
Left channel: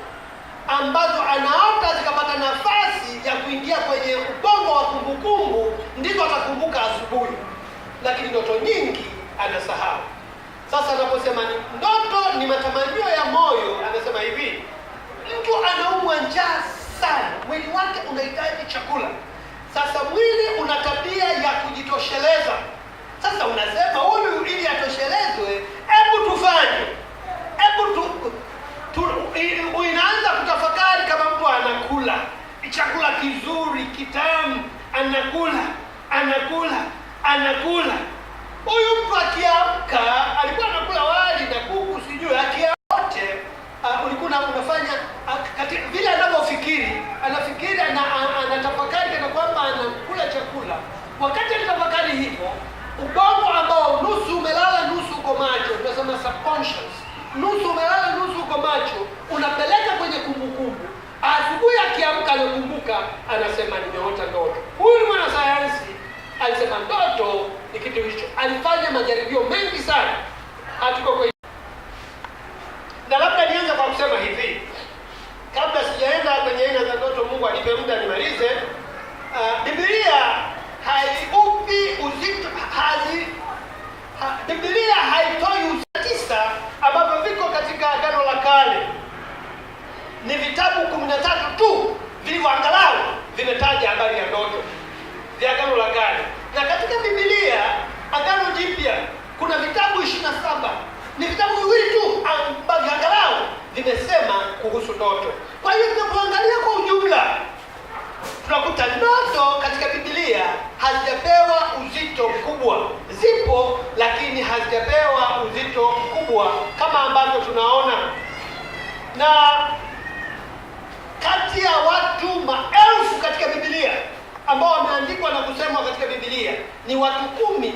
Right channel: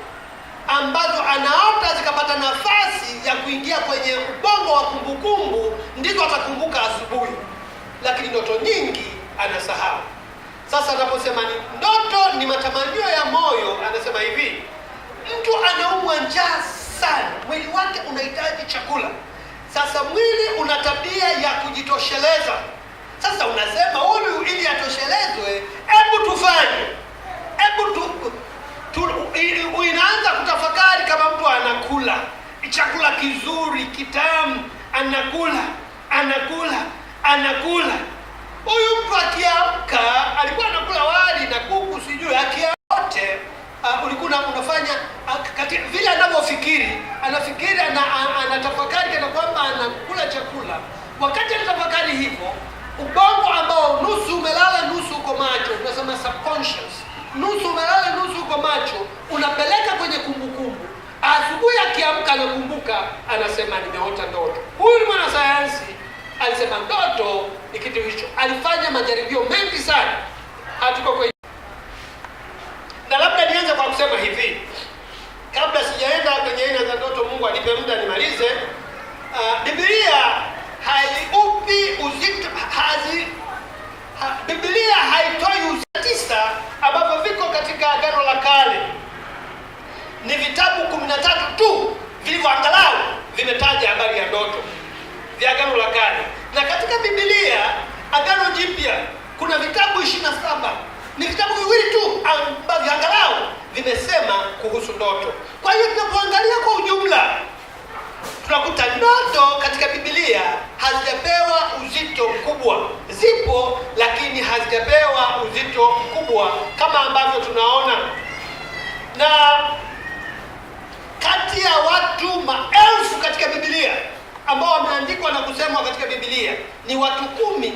ambazo anaota zikapata nafasi ya kuingia kwenye ubongo wa kumbukumbu, ndiko atakumbuka asubuhi, lakini ndoto nyingi anasahau. Sasa anaposema ni ndoto ni matamanio ya moyo, anasema hivi: mtu anaumwa njaa sana, mwili wake unahitaji chakula. Sasa mwili una tabia ya kujitosheleza. Sasa unasema huyu ili atoshelezwe, hebu tufanye, inaanza kutafakari kama mtu anakula chakula kizuri kitamu, anakula. Huyu mtu akiamka alikuwa anakula wali na kuku sijui akiaote ulikuwa unafanya vile anavyofikiri, anafikiri anatafakari kana kwamba anakula chakula. Wakati anatafakari hivyo, ubongo ambao nusu umelala nusu uko macho, tunasema subconscious, nusu umelala nusu uko macho, unapeleka kwenye kumbukumbu. Asubuhi akiamka anakumbuka, anasema nimeota ndoto. Huyu ni mwanasayansi, alisema ndoto ni kitu hicho. Alifanya majaribio mengi sana. Hatuko kwa na labda nianze kwa kusema hivi, kabla sijaenda kwenye aina za ndoto, Mungu alipe muda nimalize. Biblia haiupi uzito Biblia haitoi uzito tisa ambavyo viko katika Agano la Kale. Ni vitabu 13 tu vilivyoangalau vimetaja habari ya ndoto vya Agano la Kale. Na katika Biblia Agano Jipya kuna vitabu 27. Ni vitabu viwili tu ambavyo angalau vimesema kuhusu ndoto. Kwa hiyo tunapoangalia kwa ujumla, tunakuta ndoto katika Biblia hazijapewa uzito mkubwa. Zipo, lakini hazijapewa uzito mkubwa kama ambavyo tunaona. Na kati ya watu maelfu katika Biblia ambao wameandikwa na kusemwa katika Biblia ni watu 10.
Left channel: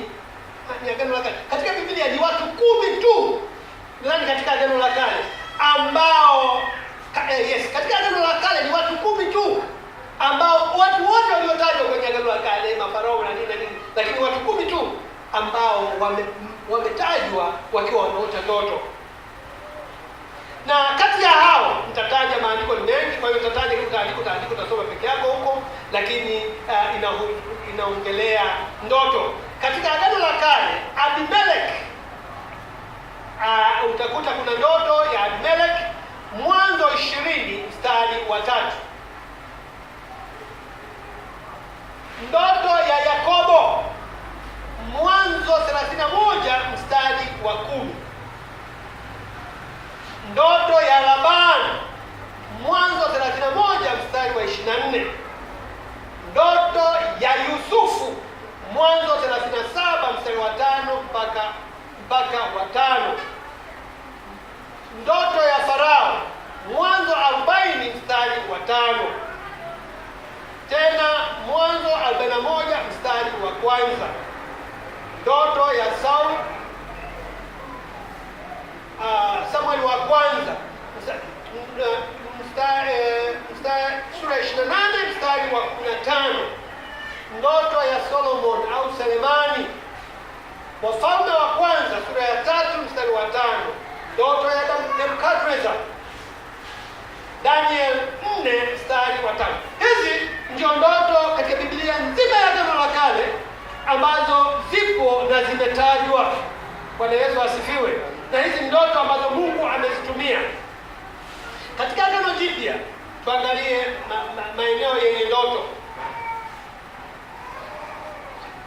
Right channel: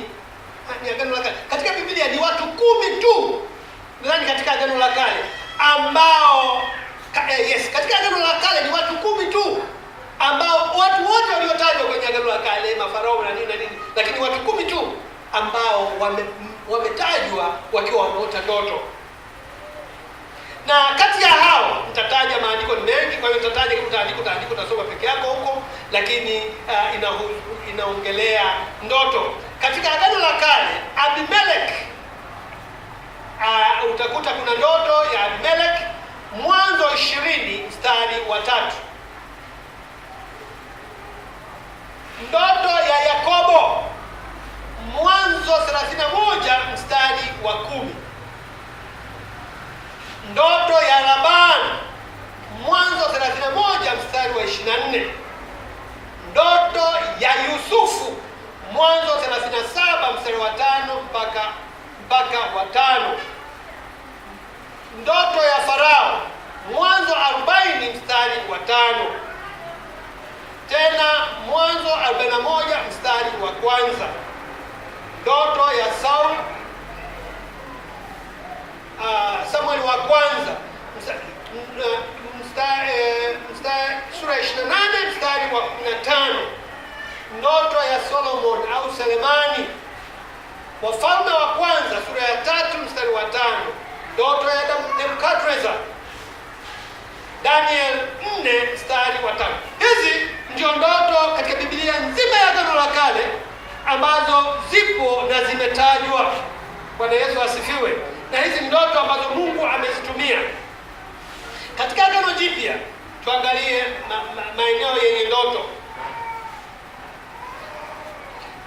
Katika Biblia ni watu 10 tu. Nadhani katika Agano la Kale ambao katika Agano la Kale ni watu 10 tu ambao watu wote waliotajwa kwenye Agano la Kale, mafarao na nini, lakini watu 10 tu ambao wametajwa wakiwa wanaota ndoto. Na kati ya hao nitataja, maandiko ni mengi, kwa hiyo nitataja utaandiko utasoma peke yako huko, lakini inaongelea ndoto. Katika Agano la Kale, Abimelech, utakuta kuna ndoto ya Abimelech, Mwanzo 20 mstari wa 3. Ndoto ya Yakobo, Mwanzo 31 mstari wa 10. Ndoto ya Labani, Mwanzo 31 mstari wa 24. Ndoto ya Yusufu, Mwanzo 37 mstari wa 5 mpaka wa 5. Ndoto ya Farao, Mwanzo 40 mstari wa 5. Tena Mwanzo 41 mstari wa 1. Ndoto ya Saul, Samueli wa kwanza sura 28 mstari wa 15. Ndoto ya Solomon au Selemani, Wafalme wa kwanza sura ya 3 mstari wa 5. Ndoto ya Nebukadneza, Daniel 4 mstari wa 5. Hizi ndio ndoto katika Biblia nzima ya Agano la Kale ambazo zipo na zimetajwa. Bwana Yesu asifiwe. Na hizi ndoto ambazo Mungu amezitumia. Katika Agano Jipya tuangalie maeneo yenye ndoto.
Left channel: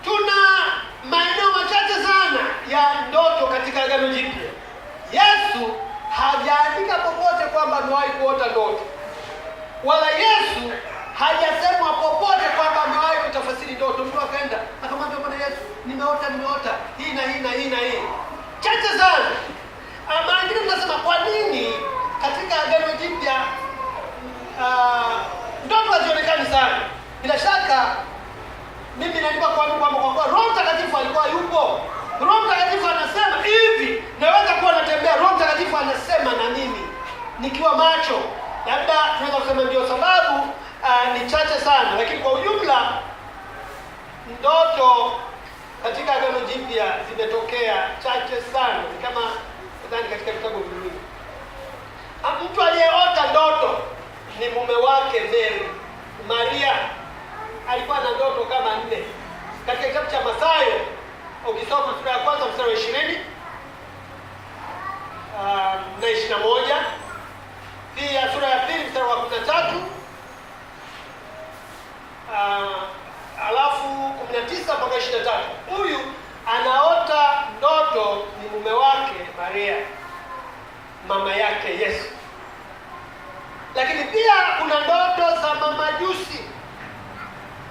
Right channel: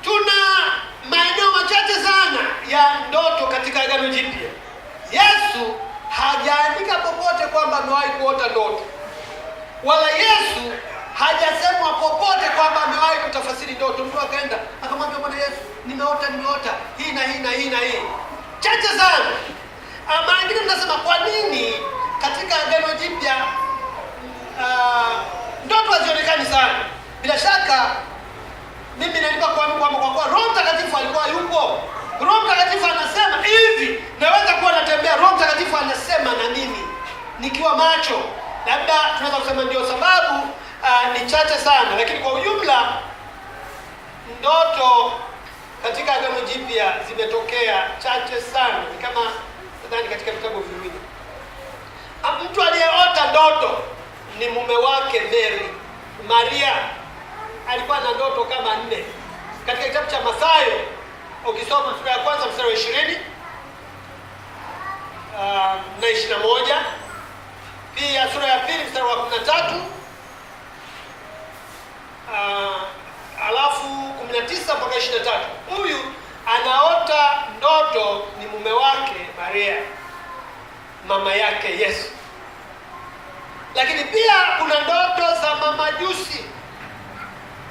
Tuna maeneo machache sana ya ndoto katika Agano Jipya. Yesu hajaandika popote kwamba amewahi kuota ndoto, wala Yesu hajasema popote kwamba amewahi kutafasiri ndoto. Mtu akaenda akamwambia Bwana Yesu, nimeota hii na hii na hii na hii. Chache sana. Mara nyingine tunasema kwa nini katika Agano Jipya ndoto hazionekani sana? Bila shaka mimi naomba kwa kuwa Roho Mtakatifu alikuwa yupo. Roho Mtakatifu anasema hivi, naweza kuwa natembea, Roho Mtakatifu anasema na mimi nikiwa macho. Labda tunaweza kusema ndio sababu ni chache sana, lakini kwa ujumla ndoto katika Agano Jipya zimetokea chache sana. Ni kama nadhani katika vitabu viwili. Mtu aliyeota ndoto ni mume wake Mary. Maria alikuwa na ndoto kama 4. Katika kitabu cha Mathayo ukisoma sura ya kwanza mstari wa 20 na 21, pia sura ya 2 mstari wa 13, alafu 19 mpaka 23. Huyu anaota ndoto ni mume wake Maria, mama yake Yesu. Lakini pia kuna ndoto za mamajusi,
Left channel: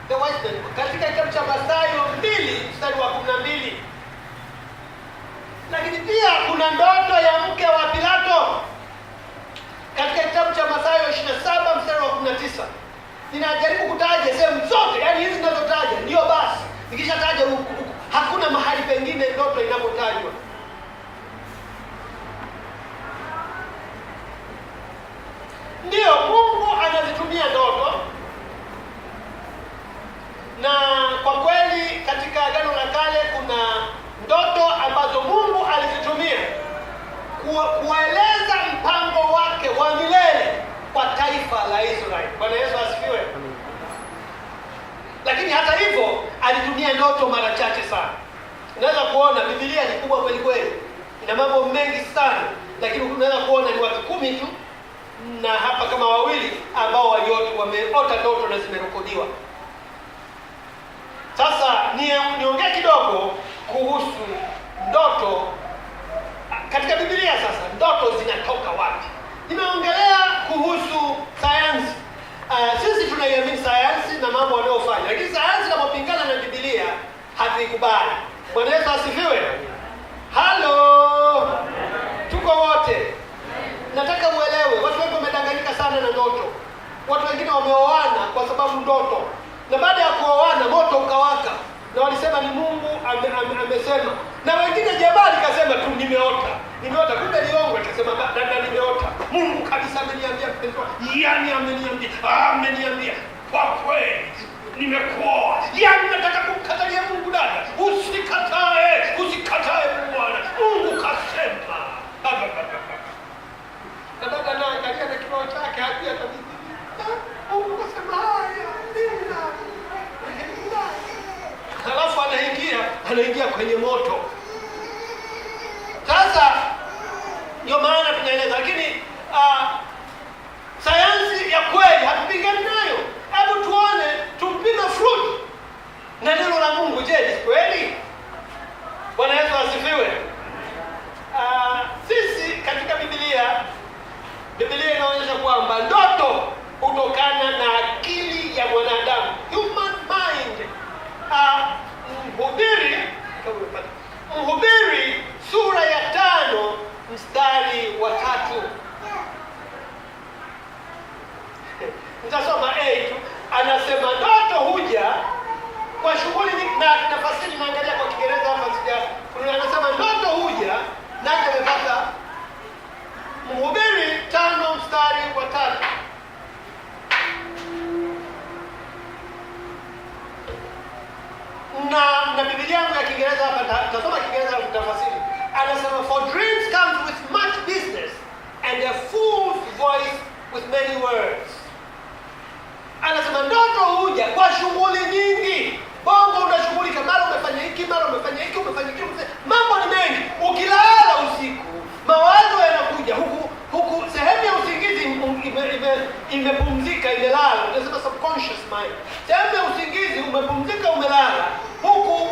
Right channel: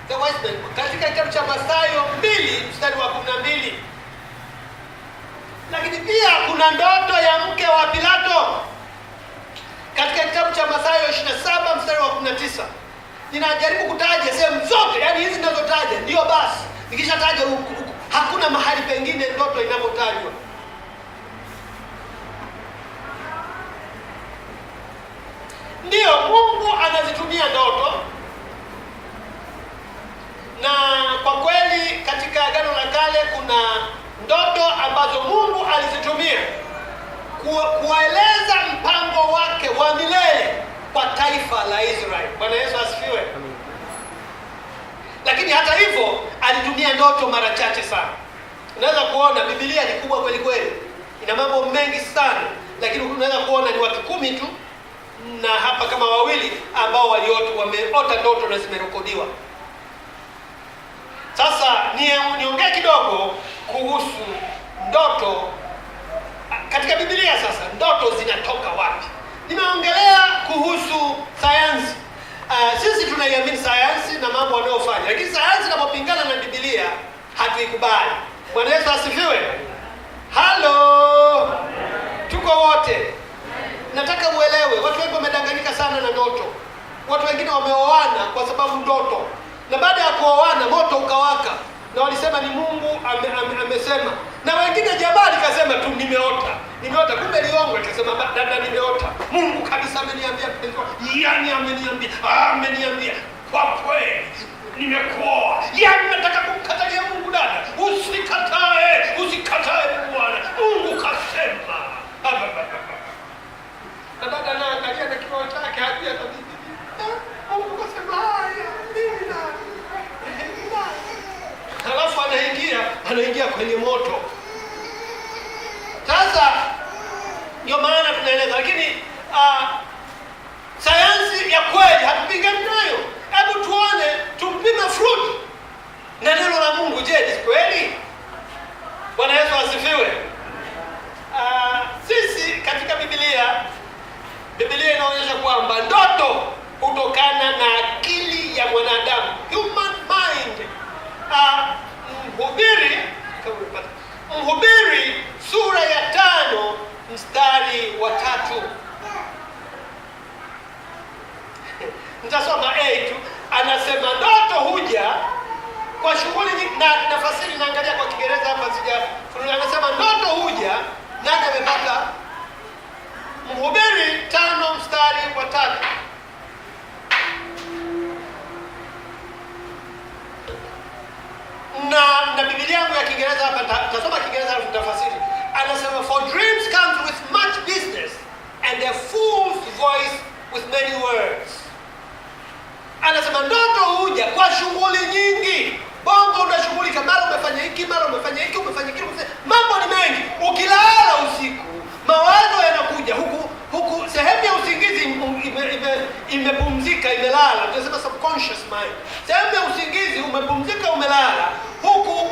the wise men, katika kitabu cha Mathayo 2 mstari wa 12. kuna ndoto ya mke wa Pilato katika kitabu cha Mathayo 27 mstari wa 19. Ninajaribu kutaja sehemu zote, yaani hizi ninazotaja ndio basi. Nikishataja huku hakuna mahali pengine ndoto inapotajwa. Ndio Mungu anazitumia ndoto, na kwa kweli katika Agano la Kale kuna ndoto ambazo Mungu alizitumia kueleza mpango wake wa milele kwa taifa la Israeli. Bwana Yesu asifiwe. Lakini hata hivyo alitumia ndoto mara chache sana. Unaweza kuona Biblia ni kubwa kweli kweli, ina mambo mengi sana, lakini unaweza kuona ni watu 10 tu, na hapa kama wawili ambao wameota ndoto na zimerekodiwa. Sasa niongee kidogo kuhusu ndoto katika Biblia. Sasa ndoto zinatoka wapi? Nimeongelea kuhusu sayansi. Sisi tunaiamini sayansi na mambo wanayofanya, lakini sayansi inapopingana na Biblia hatuikubali. Bwana Yesu asifiwe. Halo, tuko wote. Nataka uelewe, watu wengi wamedanganyika sana na ndoto. Watu wengine wameoana kwa sababu ndoto, na baada ya kuoana moto ukawaka, na walisema ni Mungu amesema. Na wengine jabali kasema tu nimeota, kumbe liongo. Akasema dada, nimeota, Mungu kabisa ameniambia, yani ameniambia kwa kweli nimekuoa. Yani nataka kumkatalia Mungu, dada, usikatae Bwana, Mungu kasema. Dada na angalia na kibao chake hajia kabisa. Mungu kasema haya, halafu anaingia kwenye moto. Sasa ndio maana tunaeleza, lakini sayansi ya kweli hatupingani nayo. Hebu tuone, tumpime fruit na neno la Mungu. Je, ni kweli? Bwana Yesu asifiwe. Sisi katika Biblia inaonyesha kwamba ndoto hutokana na akili ya mwanadamu, human mind. Mhubiri sura ya 5 mstari wa 3. Nitasoma tu. Anasema ndoto huja kwa shughuli nyingi, na nafasiri naangalia kwa Kiingereza hapa sija. Anasema ndoto huja, nani amepata? Mhubiri 5 mstari wa 3. Na Biblia yangu ya Kiingereza hapa, tasoma Kiingereza na tafasiri. Anasema for dreams comes with much business and a fool's voice with many words. Anasema ndoto huja kwa shughuli nyingi. Bongo unashughulika, mara umefanya hiki, mara umefanya hiki, mambo ni mengi. Ukilala usiku, mawazo yanakuja huku sehemu ya usingizi imepumzika, imelala. Tunasema subconscious mind. Sehemu ya usingizi umepumzika, umelala, huku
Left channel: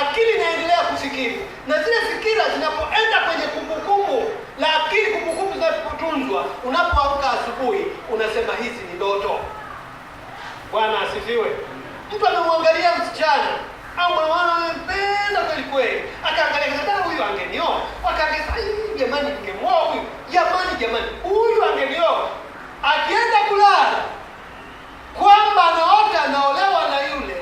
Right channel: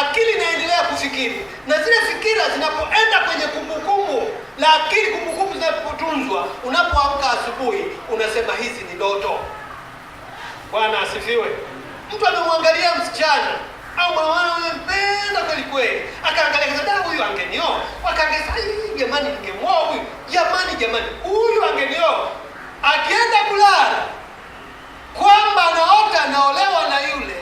akili inaendelea kufikiri, na zile fikira zinapoenda kwenye kumbukumbu la akili, kumbukumbu zinapotunzwa, unapoamka asubuhi unasema hizi ni ndoto. Bwana asifiwe. Mtu amemwangalia msichana au mwana amempenda kweli kweli, akaangalia kasema huyu angenioa, akaangalia jamani ningemwoa huyu, jamani huyu angenioa. Akienda kulala kwamba anaota anaolewa na yule,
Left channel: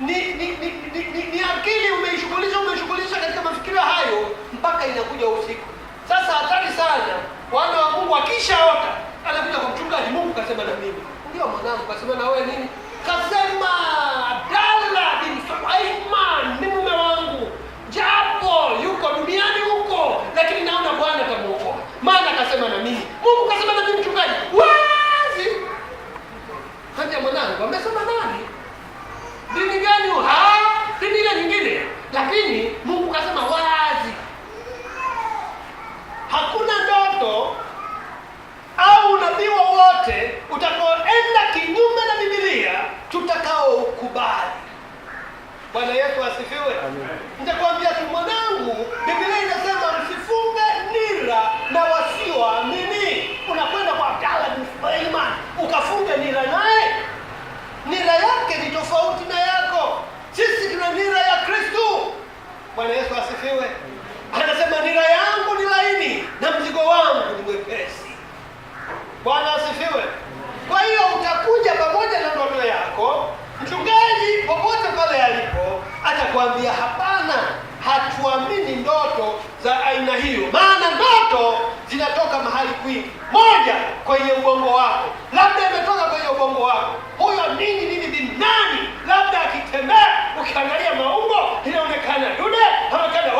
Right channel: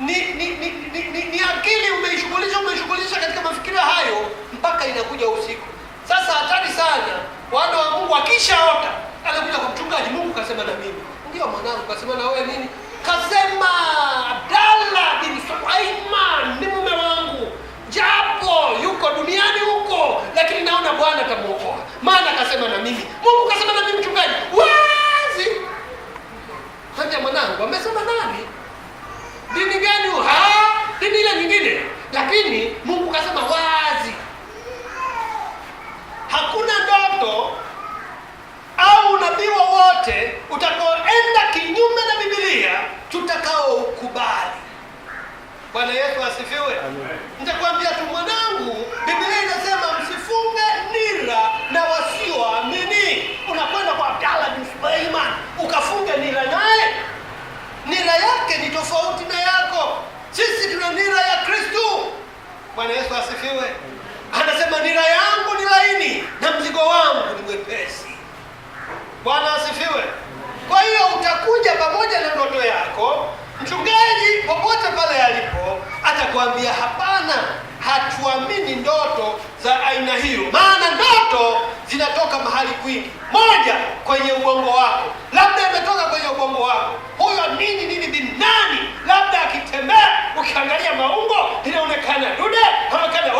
ni akili umeshughulisha katika mafikira hayo mpaka inakuja usiku. Sasa hatari sana. Wana wa Mungu akishaota anakuja kwa mchungaji, Mungu kasema na mimi. Ndio mwanangu, kasema na wewe nini? Kasema Abdalla bin Sulaiman ni mume wangu, japo yuko duniani huko, lakini naona Bwana atamuokoa, maana kasema na mimi. Mungu kasema na mimi, mchungaji wazi. Hata mwanangu amesema nani? Dini gani? Dini ile nyingine, lakini Mungu kasema wazi. Hakuna ndoto au nabii wowote utakaoenda kinyume na Biblia tutakaokubali. Bwana Yesu asifiwe. Nitakwambia tu mwanangu, Biblia inasema msifunge nira na wasioamini. Unakwenda kwa Abdalla bin Sulaiman ukafunga nira naye, nira yake ni tofauti na yako. Sisi tuna nira ya Kristo. Bwana Yesu asifiwe. Bwana asifiwe. Kwa hiyo utakuja pamoja na ndoto yako. Mchungaji popote pale alipo atakwambia hapana, hatuamini ndoto za aina hiyo, maana ndoto zinatoka mahali kwingi. Moja, kwenye ubongo wako, labda imetoka kwenye ubongo wako. Huyo nini binani, labda akitembea ukiangalia maungo inaonekana dude, inaonekana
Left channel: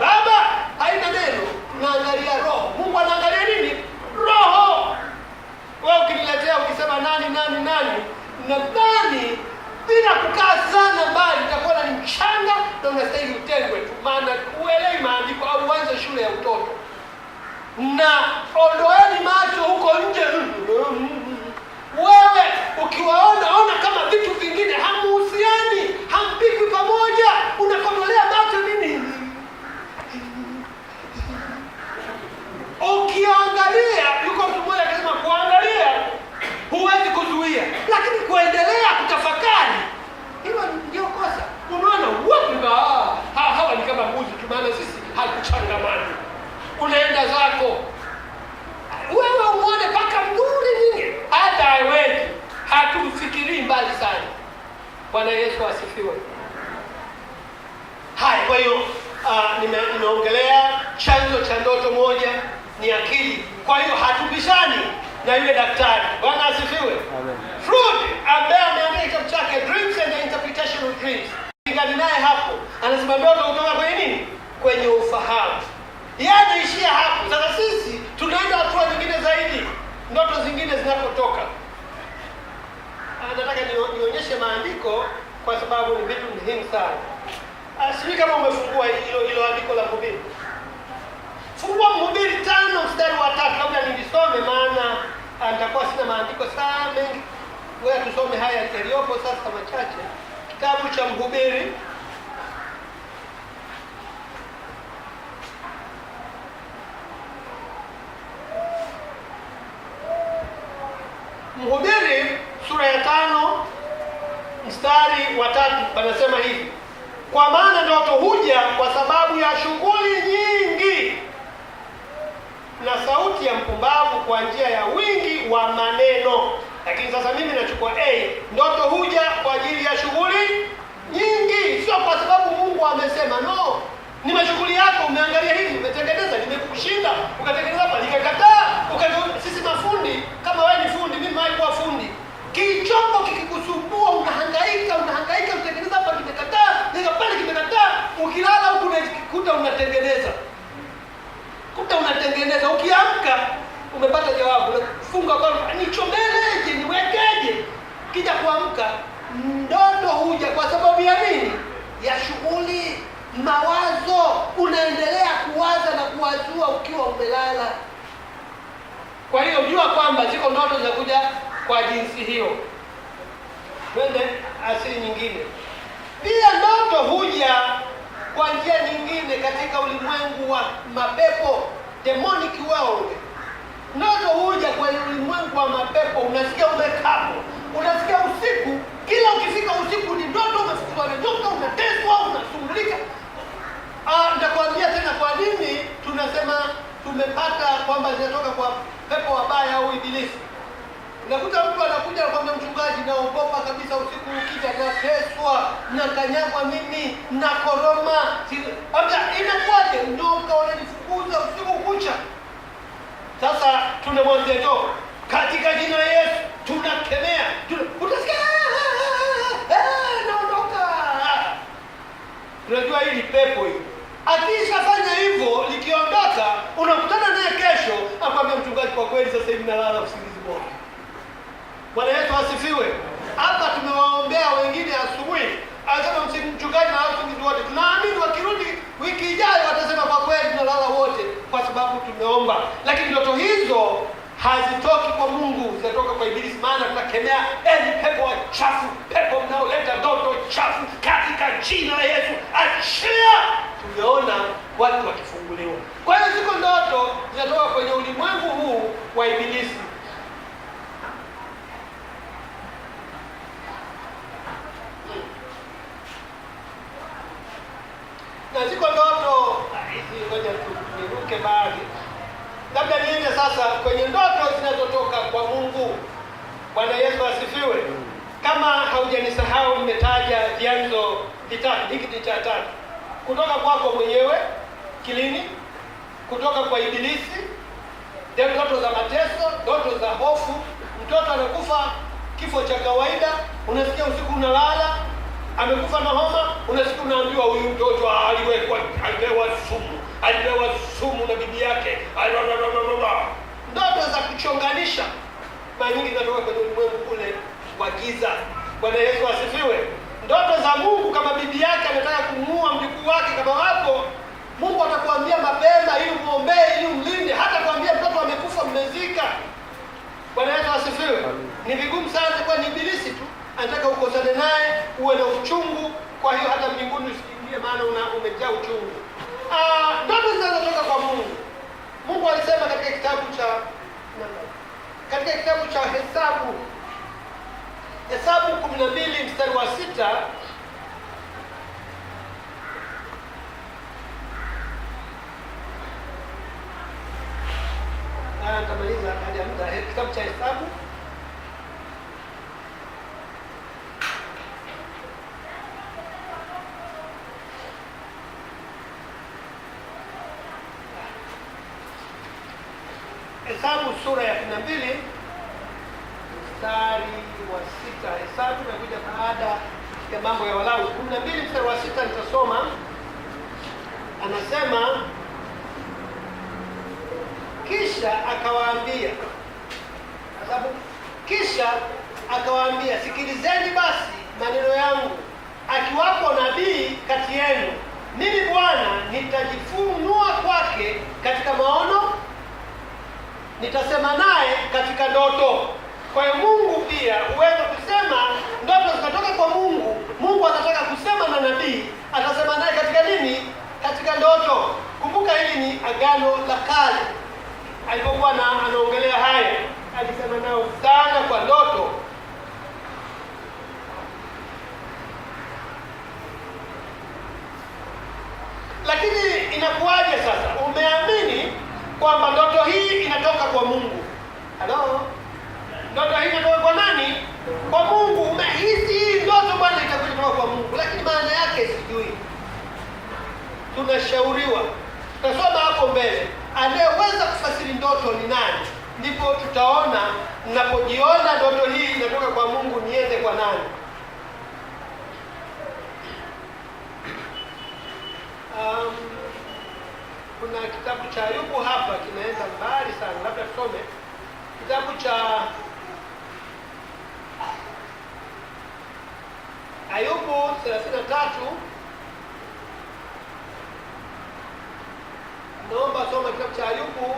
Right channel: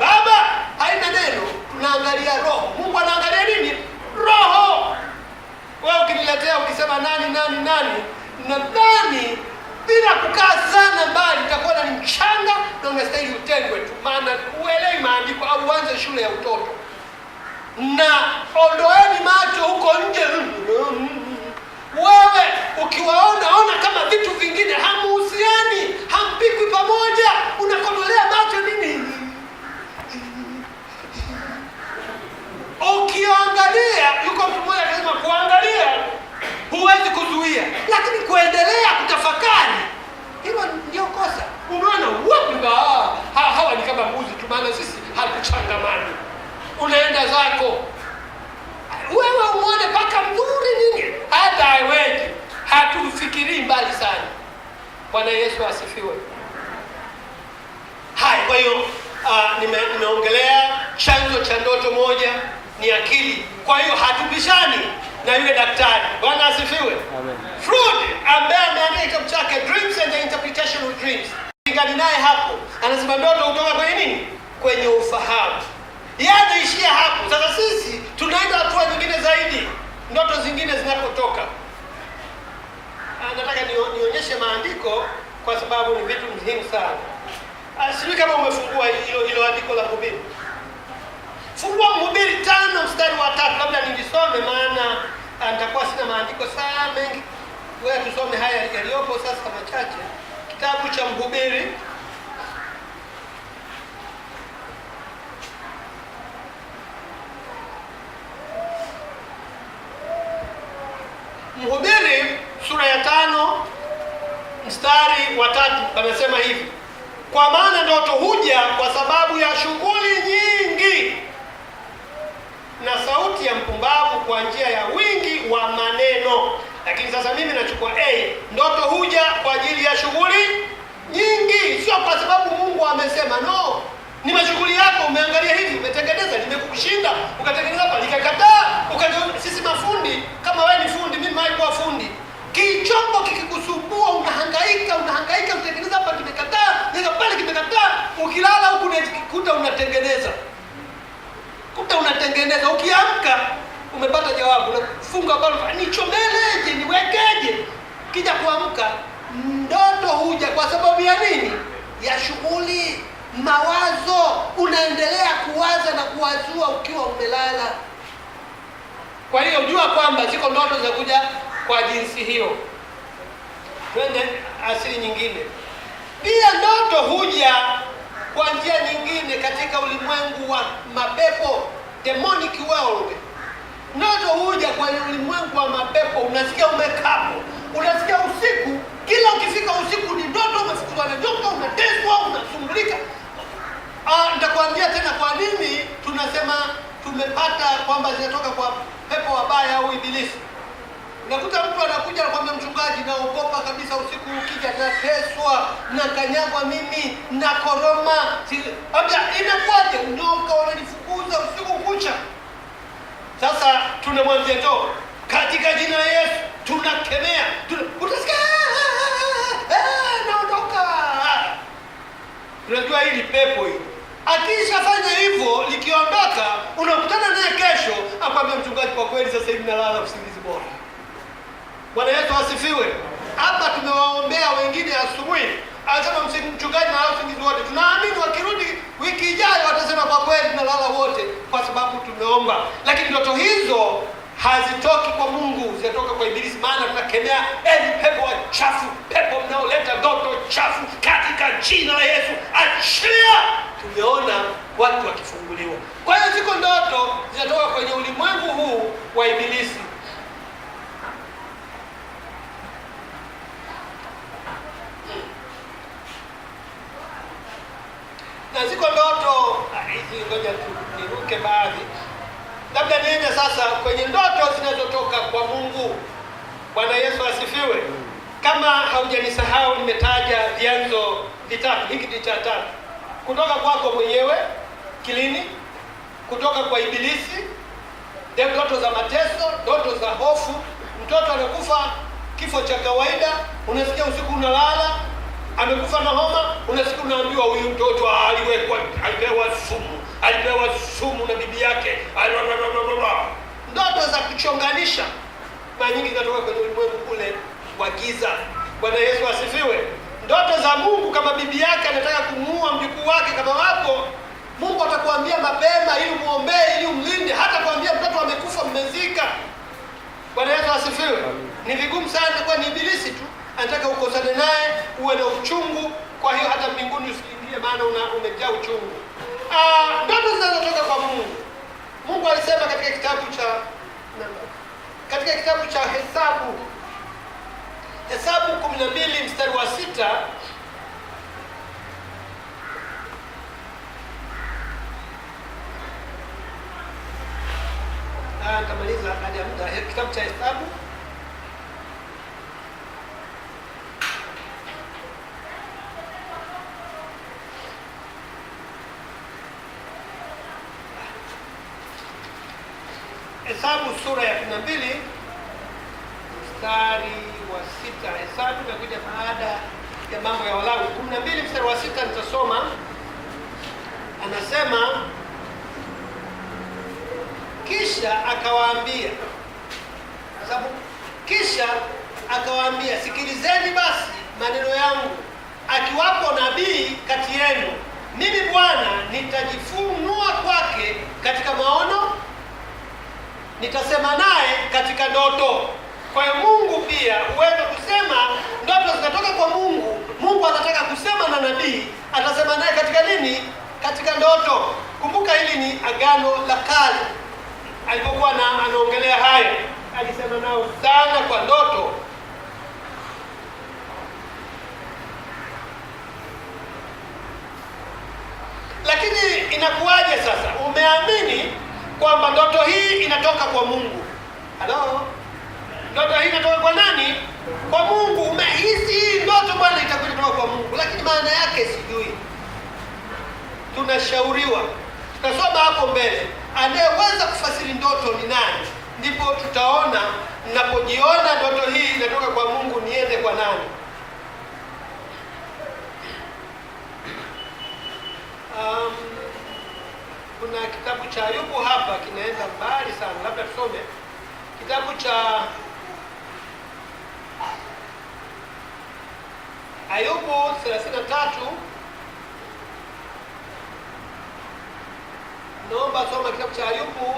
baba, haina neno. Tunaangalia roho. Mungu anaangalia nini? Roho. Wewe ukiniletea ukisema nani, nadhani bila kukaa sana mbali utakuwa ni mchanga na unastahili utengwe tu, maana uelewi maandiko au uanze shule ya utoto. Na ondoeni macho huko nje. Wewe ukiwaona kama vitu vingine, hamuhusiani, hampikwi pamoja, unakodolea macho nini? Ukiangalia, yuko mtu mmoja akasema kuangalia huwezi kuzuia, lakini kuendelea kutafakari, hilo ndio kosa. Unaona hawa ni kama mbuzi tu, maana sisi hatuchangamani. Unaenda zako wewe uone paka mzuri nini, hata haiweki, hatufikirii mbali sana. Bwana Yesu asifiwe. Hai, kwa hiyo nimeongelea chanzo cha ndoto moja ni akili. Kwa hiyo hatubishani na yule daktari. Bwana asifiwe. Amen. Freud ambaye ameandika kitabu chake Dreams and the Interpretation of Dreams, ingani naye hapo anasema ndoto kutoka kwenye nini? Kwenye ufahamu. Yaani ishia hapo. Sasa sisi tunaenda hatua nyingine zaidi, ndoto zingine zinapotoka. Nataka nionyeshe maandiko kwa sababu ni vitu muhimu sana. Sijui kama umefungua hilo andiko la Mhubiri. Fungua Mhubiri 5 mstari wa 3. Labda nilisome maana nitakuwa sina maandiko sana mengi. Wewe tusome haya yaliyopo sasa machache. Kitabu cha Mhubiri sura ya 5 mstari wa 3 anasema hivi: kwa maana ndoto huja kwa sababu ya shughuli nyingi, na sauti ya mpumbavu kwa njia ya wingi wa maneno. Lakini sasa mimi nachukua ndoto huja kwa ajili ya shughuli nyingi, sio kwa sababu Mungu amesema. No, ni mashughuli yako. Umeangalia hivi, umetengeneza, nimekushinda, ukatengeneza hapa, nikakataa. Sisi mafundi, kama wewe ni fundi, mimi naikuwa fundi, kichombo kikikusumbua unahangaika, unatengeneza hapa, kimekataa, nika pale kimekataa. Ukilala huku unajikuta unatengeneza. Ukiamka umepata jawabu, unafunga bado, nichomeleje, niwekeje? Kija kuamka, ndoto huja kwa sababu ya nini? Ya shughuli, mawazo. Unaendelea kuwaza na kuwazua ukiwa umelala. Kwa hiyo jua kwamba ziko ndoto za kuja kwa jinsi hiyo. Twende asili nyingine. Pia ndoto huja kwa njia nyingine katika ulimwengu wa mapepo, demonic world. Ndoto huja kwa ulimwengu wa mapepo. Unasikia umekapo, unasikia usiku, kila ukifika usiku ni ndoto, umefukuzwa na nyoka, unateswa, unasumbulika. Nitakwambia tena kwa nini tunasema tumepata kwamba zinatoka kwa pepo wabaya au ibilisi. Unakuta mtu anakuja anakuambia, mchungaji, naogopa kabisa usiku ukija, nateswa, nakanyagwa mimi, na koroma. Hata inakuwaje? Nyoka wananifukuza usiku kucha. Sasa tunamwambia to, katika jina la Yesu tunakemea. Utasikia naondoka. Unajua hili pepo hili, akishafanya hivyo likiondoka, unakutana naye kesho, akwambia, mchungaji, kwa kweli sasa hivi nalala usingizi bora. Bwana Yesu asifiwe. Hapa tumewaombea wengine asubuhi, anasema mchungaji na usingizi wote. Tunaamini wakirudi wiki ijayo watasema kwa kweli tunalala wote, kwa sababu tumeomba. Lakini ndoto hizo hazitoki kwa Mungu, zinatoka kwa ibilisi. Maana tunakemea pepo wachafu, pepo mnaoleta ndoto chafu, katika jina la Yesu achia. Tumeona watu wakifunguliwa. Kwa hiyo ziko ndoto zinatoka kwenye ulimwengu huu wa ibilisi. Na ziko ndoto hizi, ngoja tu niruke baadhi. Labda niende sasa kwenye ndoto zinazotoka kwa Mungu. Bwana Yesu asifiwe. Kama haujanisahau, nimetaja vyanzo vitatu, hiki ni cha tatu. Kutoka kwako mwenyewe kilini, kutoka kwa Ibilisi, ndoto za mateso, ndoto za hofu. Mtoto anakufa kifo cha kawaida, unasikia usiku unalala amekufa na homa, unasikia unaambiwa huyu mtoto alipewa sumu na bibi yake. Ndoto za kuchonganisha mara nyingi zinatoka kwenye ulimwengu kule wa giza. Bwana Yesu asifiwe. Ndoto za Mungu, kama bibi yake anataka kumuua mjukuu wake, kama wapo, Mungu atakuambia mapema ili muombee, ili umlinde. Hata kuambia mtoto amekufa, mmezika. Bwana Yesu asifiwe. Ni vigumu sana, kwa ni Ibilisi tu anataka ukosane naye, uwe na uchungu. Kwa hiyo hata mbinguni usiingie, maana umejaa uchungu. Ndoto zinazotoka kwa Mungu. Mungu alisema katika kitabu cha Hesabu 12 mstari wa 6, nitamaliza hadi muda. Kitabu cha Hesabu sura ya 12 mstari wa 6. Hesabu inakuja baada ya mambo ya Walawi. 12 mstari wa 6 nitasoma. Anasema, kisha akawaambia, sikilizeni basi maneno yangu, akiwapo nabii kati yenu, mimi Bwana nitajifunua kwake katika maono, nitasema naye katika ndoto. Kwa hiyo Mungu pia huweza kusema, ndoto zinatoka kwa Mungu. Mungu anataka kusema na nabii, atasema naye katika nini? Katika ndoto. Kumbuka hili ni Agano la Kale. Alipokuwa anaongelea haya, alisema nao sana kwa ndoto. Lakini inakuwaje sasa? Umeamini kwamba ndoto hii inatoka kwa Mungu. Halo? Ndoto hii inatoka kwa nani? Kwa Mungu. Umehisi hii ndoto bwana itakuwa kwa Mungu, lakini maana yake sijui. Tunashauriwa, tutasoma hapo mbele, anayeweza kufasiri ndoto ni nani. Ndipo tutaona, ninapojiona ndoto hii inatoka kwa Mungu, niende kwa nani. Kuna kitabu cha Ayubu hapa kinaenda mbali sana, labda tusome kitabu cha Ayubu 33. Naomba soma kitabu cha Ayubu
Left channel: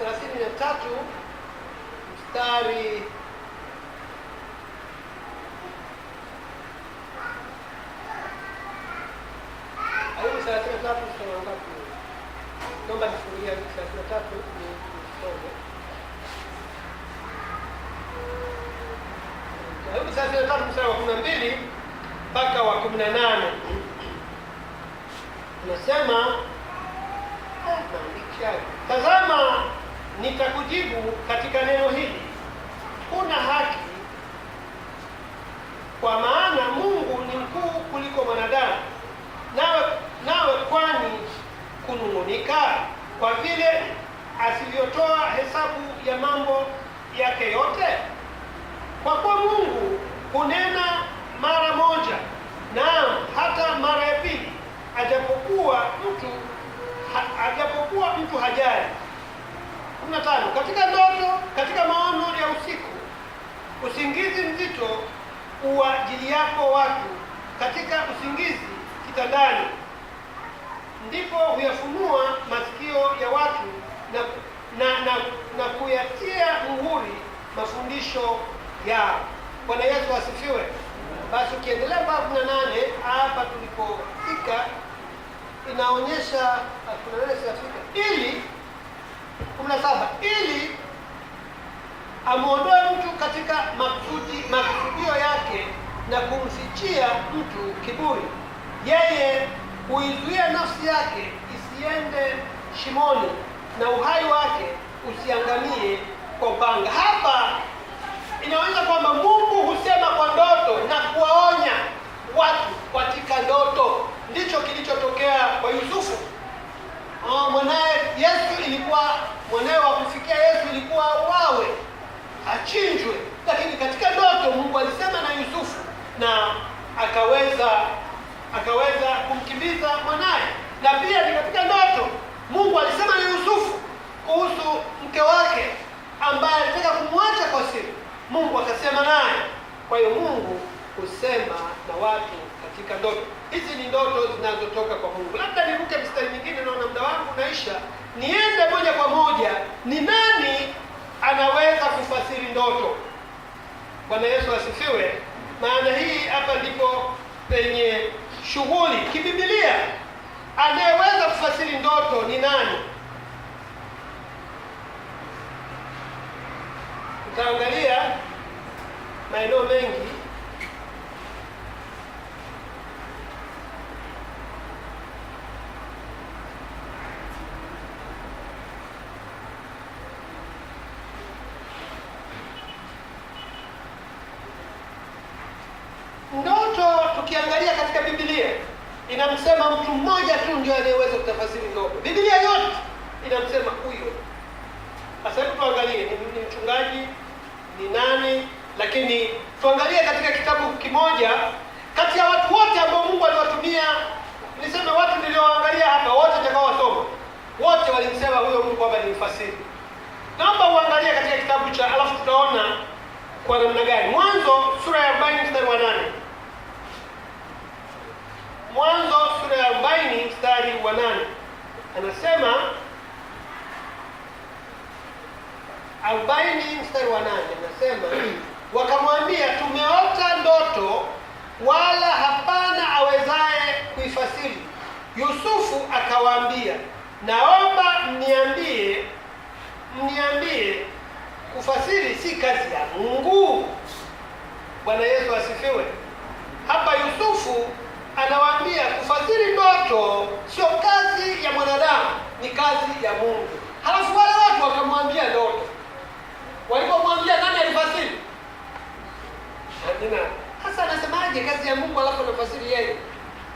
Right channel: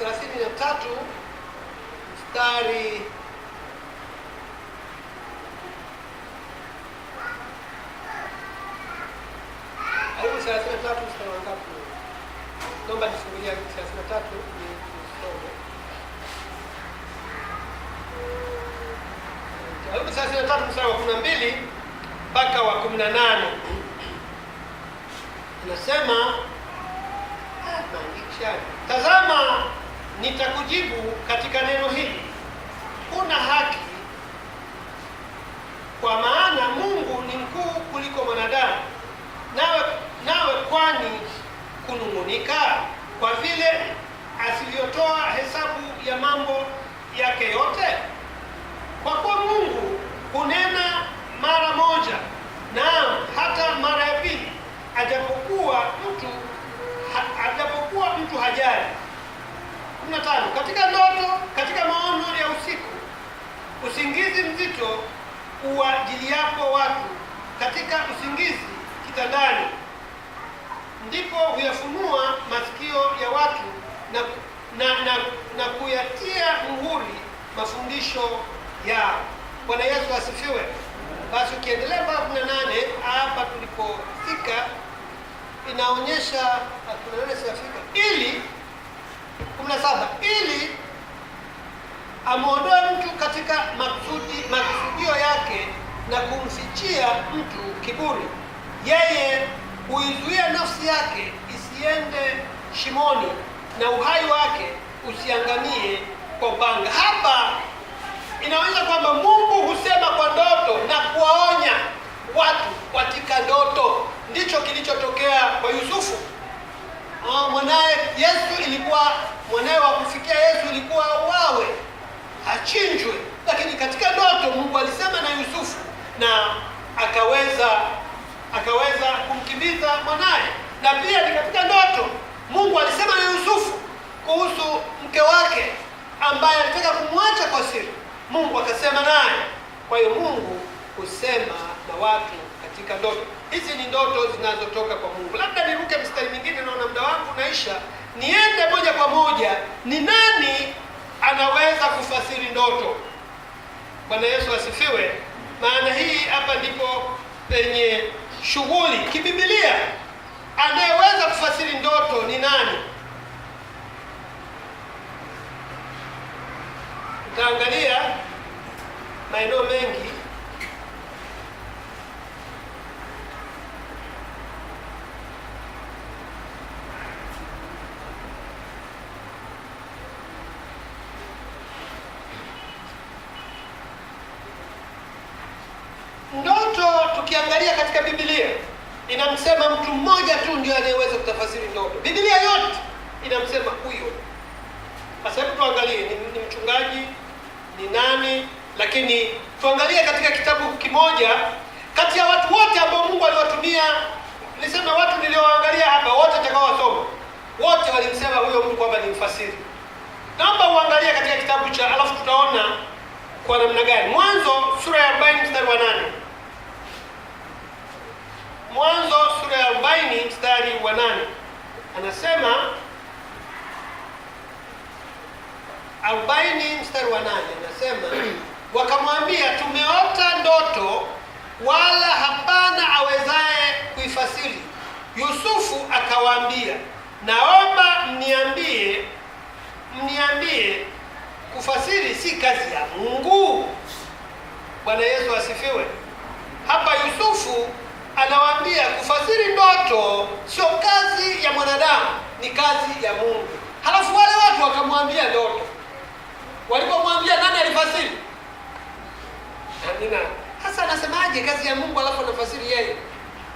33 mstari Ayubu 33 mstari wa ngapi? Naomba nifungulie Ayubu 33 nisome. Ayubu 33 mstari wa 12 mpaka wa 18. Anasema, tazama nitakujibu katika neno hili, kuna haki, kwa maana Mungu ni mkuu kuliko mwanadamu. Nawe kwani kunung'unika kwa vile asivyotoa hesabu ya mambo yake yote? Kwa kuwa Mungu hunena mara moja, naam hata mara ya pili, ajapokuwa mtu hajali. 15. Katika ndoto, katika maono ya usiku, usingizi mzito uwajiliapo watu, katika usingizi kitandani, ndipo huyafunua masikio ya watu na kuyatia muhuri mafundisho yao. Bwana Yesu asifiwe. Basi ukiendelea mpaka 18, hapa tulipofika inaonyesha ili 17, ili amuondoe mtu katika makusudio yake na kumfichia mtu kiburi. Yeye huizuia nafsi yake isiende shimoni, na uhai wake usiangamie kwa upanga. Hapa inaonyesha kwamba Mungu husema kwa ndoto na kuwaonya watu katika ndoto. Ndicho kilichotokea kwa Yusufu. Mwanae Yesu ilikuwa, mwanae wa kufikia Yesu ilikuwa auawe, achinjwe, lakini katika ndoto Mungu alisema na Yusufu na akaweza kumkimbiza mwanae. Na pia ni katika ndoto Mungu alisema na Yusufu kuhusu mke wake ambaye alitaka kumwacha kwa siri. Mungu akasema naye. Kwa hiyo Mungu husema na watu katika ndoto. Hizi ni ndoto zinazotoka kwa Mungu. Labda niruke mstari mwingine, naona muda wangu unaisha. Niende moja kwa moja, ni nani anaweza kufasiri ndoto? Bwana Yesu asifiwe. Maana hii hapa ndipo penye shughuli kiBiblia. Anayeweza kufasiri ndoto ni nani? Tutaangalia maeneo mengi. Ndoto tukiangalia katika Biblia inamsema mtu mmoja tu ndiye anayeweza kutafasiri ndoto. Biblia yote inamsema huyo. Sasa tuangalie ni mchungaji, ni nani, lakini tuangalie katika kitabu kimoja kati ya watu wote ambao Mungu aliwatumia. Niseme watu nilioangalia hapa wote nitakaowasoma, wote walimsema huyo Mungu kwamba ni mfasiri. Naomba uangalie katika kitabu cha, alafu tutaona kwa namna gani. Mwanzo sura ya 40 mstari wa 8. Mwanzo sura ya 40 mstari wa 8. Anasema 40 mstari wa 8 anasema, wakamwambia tumeota ndoto wala hapana awezaye kuifasiri. Yusufu akawaambia, naomba mniambie, kufasiri si kazi ya Mungu? Bwana Yesu asifiwe. Hapa Yusufu anawaambia kufasiri ndoto sio kazi ya mwanadamu, ni kazi ya Mungu. Halafu wale watu wakamwambia ndoto. Walipomwambia nani alifasiri? Amina. Sasa anasemaje kazi ya Mungu alafu anafasiri yeye?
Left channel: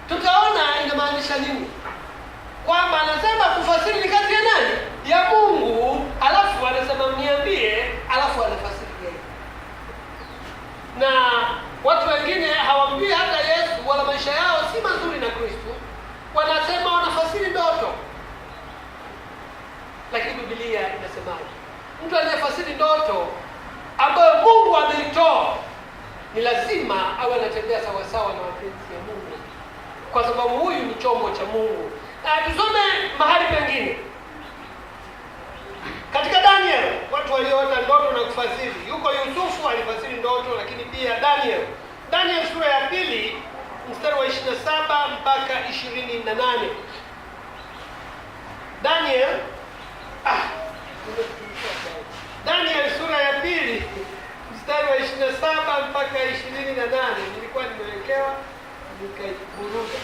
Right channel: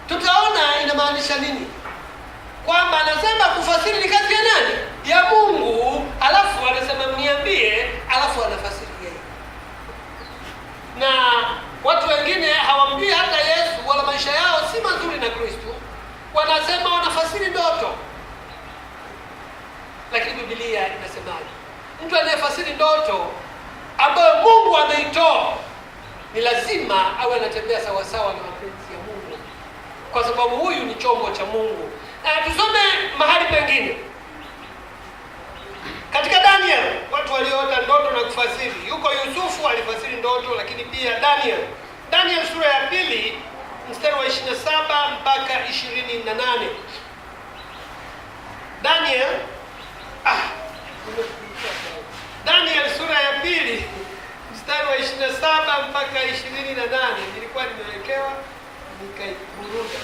Tutaona inamaanisha nini. Kwamba anasema kufasiri ni kazi ya nani? Ya Mungu, alafu anasema mniambie, alafu anafasiri yeye. Na watu wengine hawambii hata Yesu, wala maisha yao si mazuri na Kristo, wanasema wanafasiri ndoto. Lakini Biblia inasemaje? Mtu anayefasiri ndoto ambayo Mungu ameitoa ni lazima awe anatembea sawa sawa na mapenzi ya Mungu, kwa sababu huyu ni chombo cha Mungu. Tusome mahali pengine katika Daniel, watu walioota ndoto na kufasiri. Yuko Yusufu alifasiri ndoto, lakini pia Daniel sura ya 2 mstari wa 27 mpaka 28. Daniel sura ya 2 mstari wa 27 mpaka 28. Nilikuwa nimewekewa nikaiburuda.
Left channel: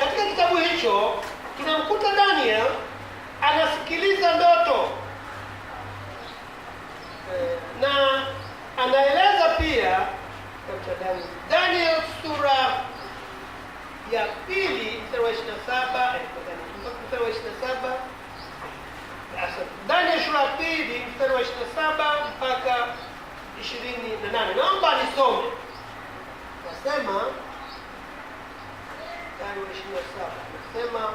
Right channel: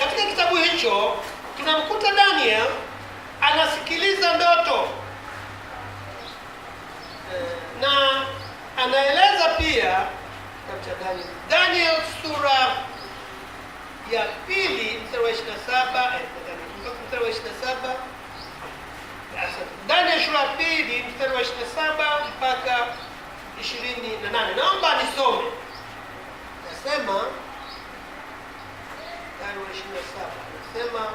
Katika kitabu hicho tunamkuta Daniel anasikiliza ndoto na anaeleza pia katika Daniel sura ya 2 mstari wa 27 mstari wa 27. Daniel sura ya 2 mstari wa 27 mpaka 28. Naomba nisome. Nasema Nasema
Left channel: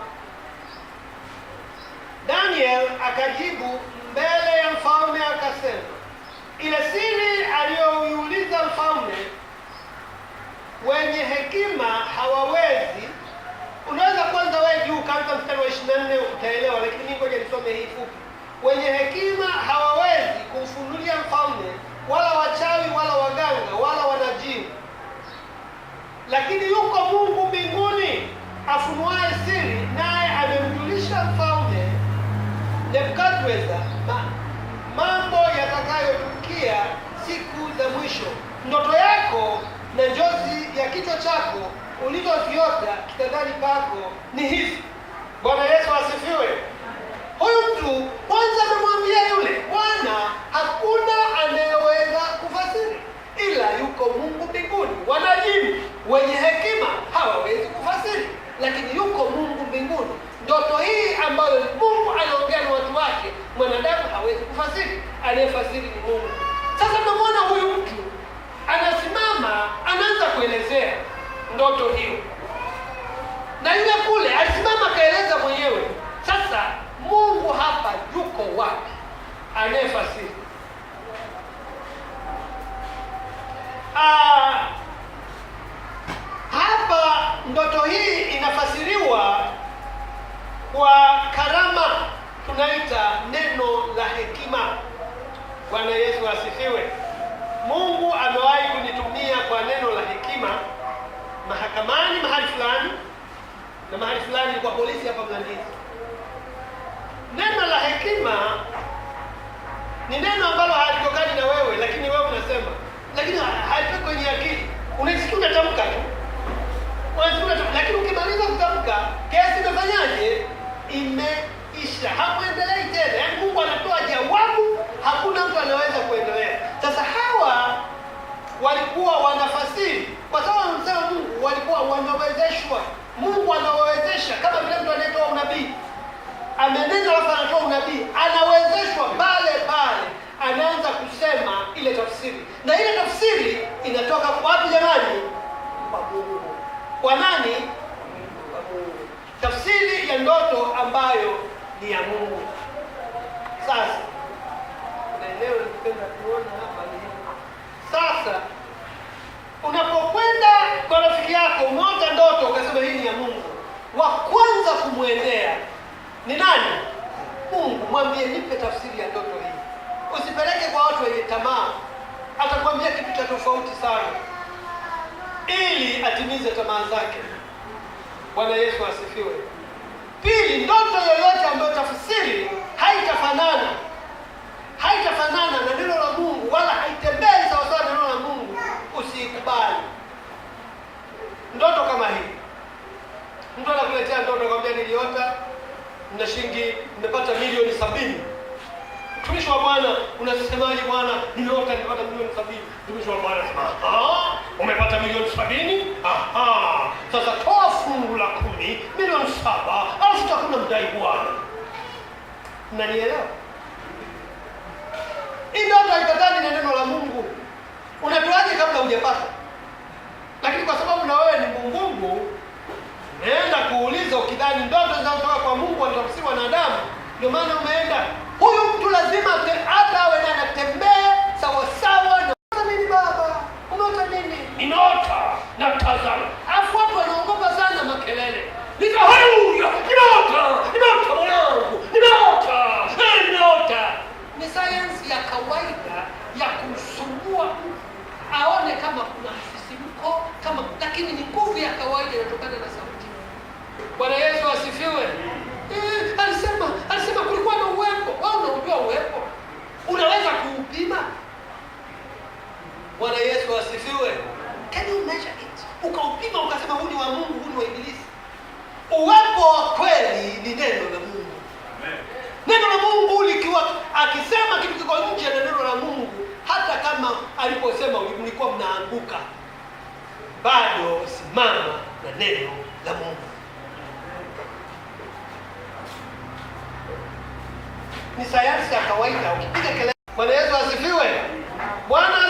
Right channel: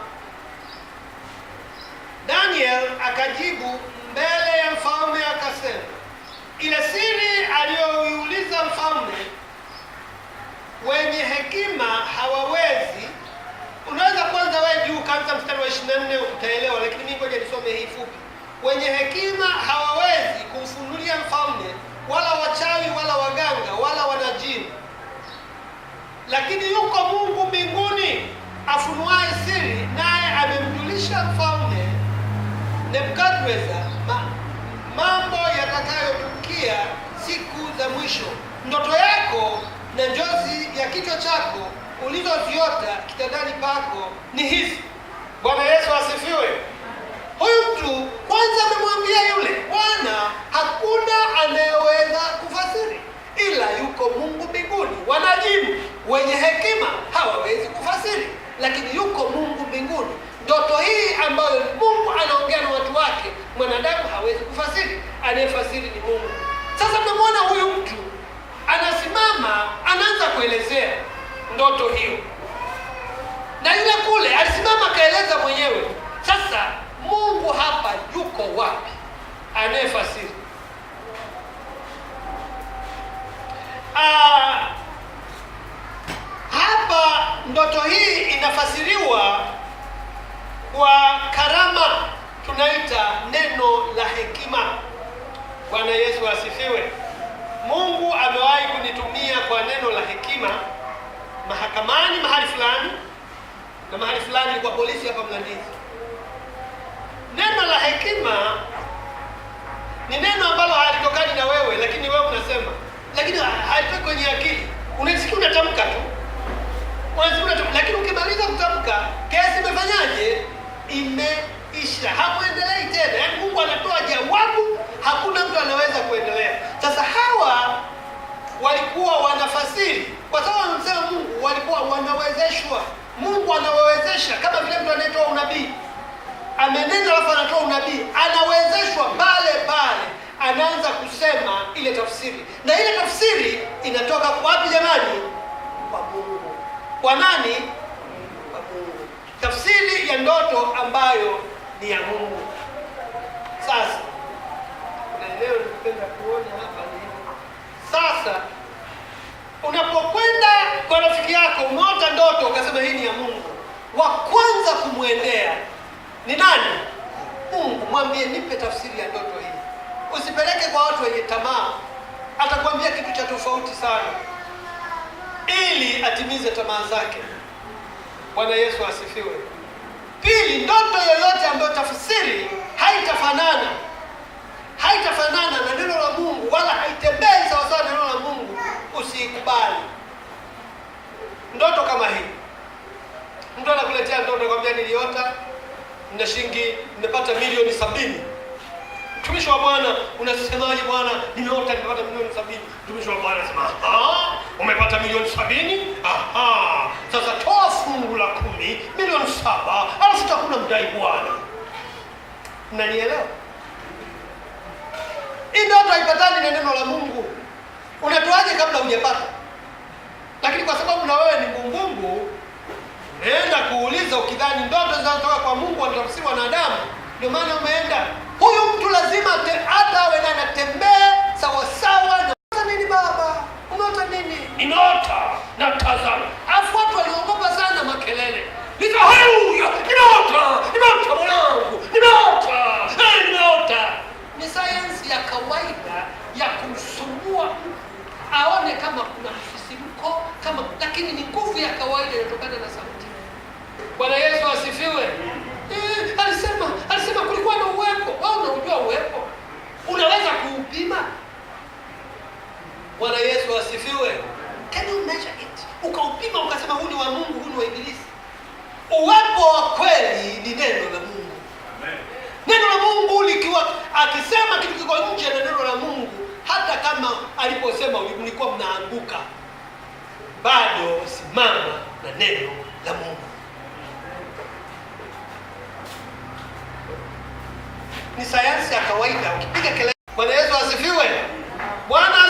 Daniel akajibu mbele ya mfalme akasema, ile siri aliyoiuliza mfalme wenye hekima hawawezi. Unaweza kwanza wewe juu kaanza mstari wa 24 utaelewa, lakini mimi ngoja nisome hii fupi. Wenye hekima hawawezi kumfunulia mfalme, wala wachawi wala waganga wala wanajimu, lakini yuko Mungu mbinguni afunuaye siri, naye amemjulisha mfalme Nebukadneza mambo yatakayotukia siku za mwisho. Ndoto yako na njozi ya kichwa chako ulizoziota kitandani pako ni hizi. Bwana Yesu asifiwe. Huyu mtu kwanza amemwambia yule, Bwana, hakuna anayeweza kufasiri ila yuko Mungu mbinguni. Wanajibu, wenye hekima hawawezi kufasiri, lakini yuko Mungu mbinguni. Ndoto hii ambayo Mungu anaongea na watu wake, mwanadamu hawezi kufasiri, anayefasiri ni Mungu. Sasa tunamwona huyu mtu anasimama, anaanza kuelezea ndoto hiyo, na yule kule alisimama akaeleza mwenyewe. Sasa Mungu hapa yuko wapi anayefasiri? Hapa ndoto hii inafasiriwa kwa karama tunaita neno la hekima. Bwana Yesu asifiwe. Mungu amewahi kunitumia kwa neno la hekima mahakamani mahali fulani, na mahali fulani kwa polisi hapa Mlandizi. Neno la hekima ni neno ambalo halitokani na wewe, lakini wewe unasema, lakini halitoki kwenye akili. Unasikia unatamka tu, lakini ukimaliza kutamka kesi imefanyaje? Imeisha, hamuendelei tena. Yaani Mungu anatoa jawabu, hakuna mtu anaweza kuendelea. Sasa hawa walikuwa wanafasiri kwa sababu wanamsema Mungu, walikuwa wanawezeshwa. Mungu anawawezesha, kama vile mtu anayetoa unabii, amenena alafu anatoa unabii, anawezeshwa pale pale, anaanza kusema ile tafsiri, na ile tafsiri inatoka kwa wapi jamani? Kwa Mungu. Kwa nani? Kwa Mungu. Tafsiri ya ndoto ambayo ni ya Mungu. Sasa leo nipenda kuona hapa ni sasa, unapokwenda kwa rafiki yako umeota ndoto ukasema hii ni ya Mungu, wa kwanza kumwendea ni nani? Mungu. Mwambie, nipe tafsiri ya ndoto hii. Usipeleke kwa watu wenye tamaa, atakwambia kitu cha tofauti sana ili atimize tamaa zake. Bwana Yesu asifiwe. Pili, ndoto yoyote ambayo tafsiri haitafanana na neno la Mungu, wala haitembei sawa sawa na neno la Mungu, usikubali. Ndoto kama hii, mtu anakuletea ndoto kwambia, niliota na shilingi nimepata milioni 70. Mtumishi wa Bwana, unasemaje bwana? Nimeota nimepata milioni 70. Mtumishi wa Bwana anasema, umepata milioni 70? Sasa toa fungu la 10, milioni 7, alafu tutakuna mdai Bwana. Mnanielewa? Hii ndoto haipatani na neno la Mungu. Unatoaje kabla hujapata? Lakini kwa sababu na wewe ni mungu, umeenda kuuliza ukidhani ndoto zinazotoka kwa Mungu wanatafsiri wanadamu, ndio maana umeenda. Huyu mtu lazima hata awe na anatembea sawa sawa na nini. Baba, umeota nini? Ninaota na tazama. Afu watu wanaogopa sana makelele. Haleluya! Ninaota mwanangu. Ninaota. Ni sayansi ya kawaida ya kumsumbua mtu aone kama kuna msisimko, lakini ni nguvu ya kawaida inatokana na sauti. Bwana Yesu asifiwe. Alisema kulikuwa na uwepo. Wewe unajua uwepo? Unaweza kuupima? Bwana Yesu asifiwe. Can you measure it? Ukaupima ukasema huu ni wa Mungu, huu ni wa Ibilisi. Uwepo wa kweli ni neno la Mungu. Amen. Neno la Mungu likiwa akisema kitu kiko nje na neno la Mungu, hata kama aliposema mlikuwa mnaanguka, bado simama na neno la Mungu. Ni sayansi ya kawaida. Ukipiga kelele. Bwana Yesu asifiwe. Bwana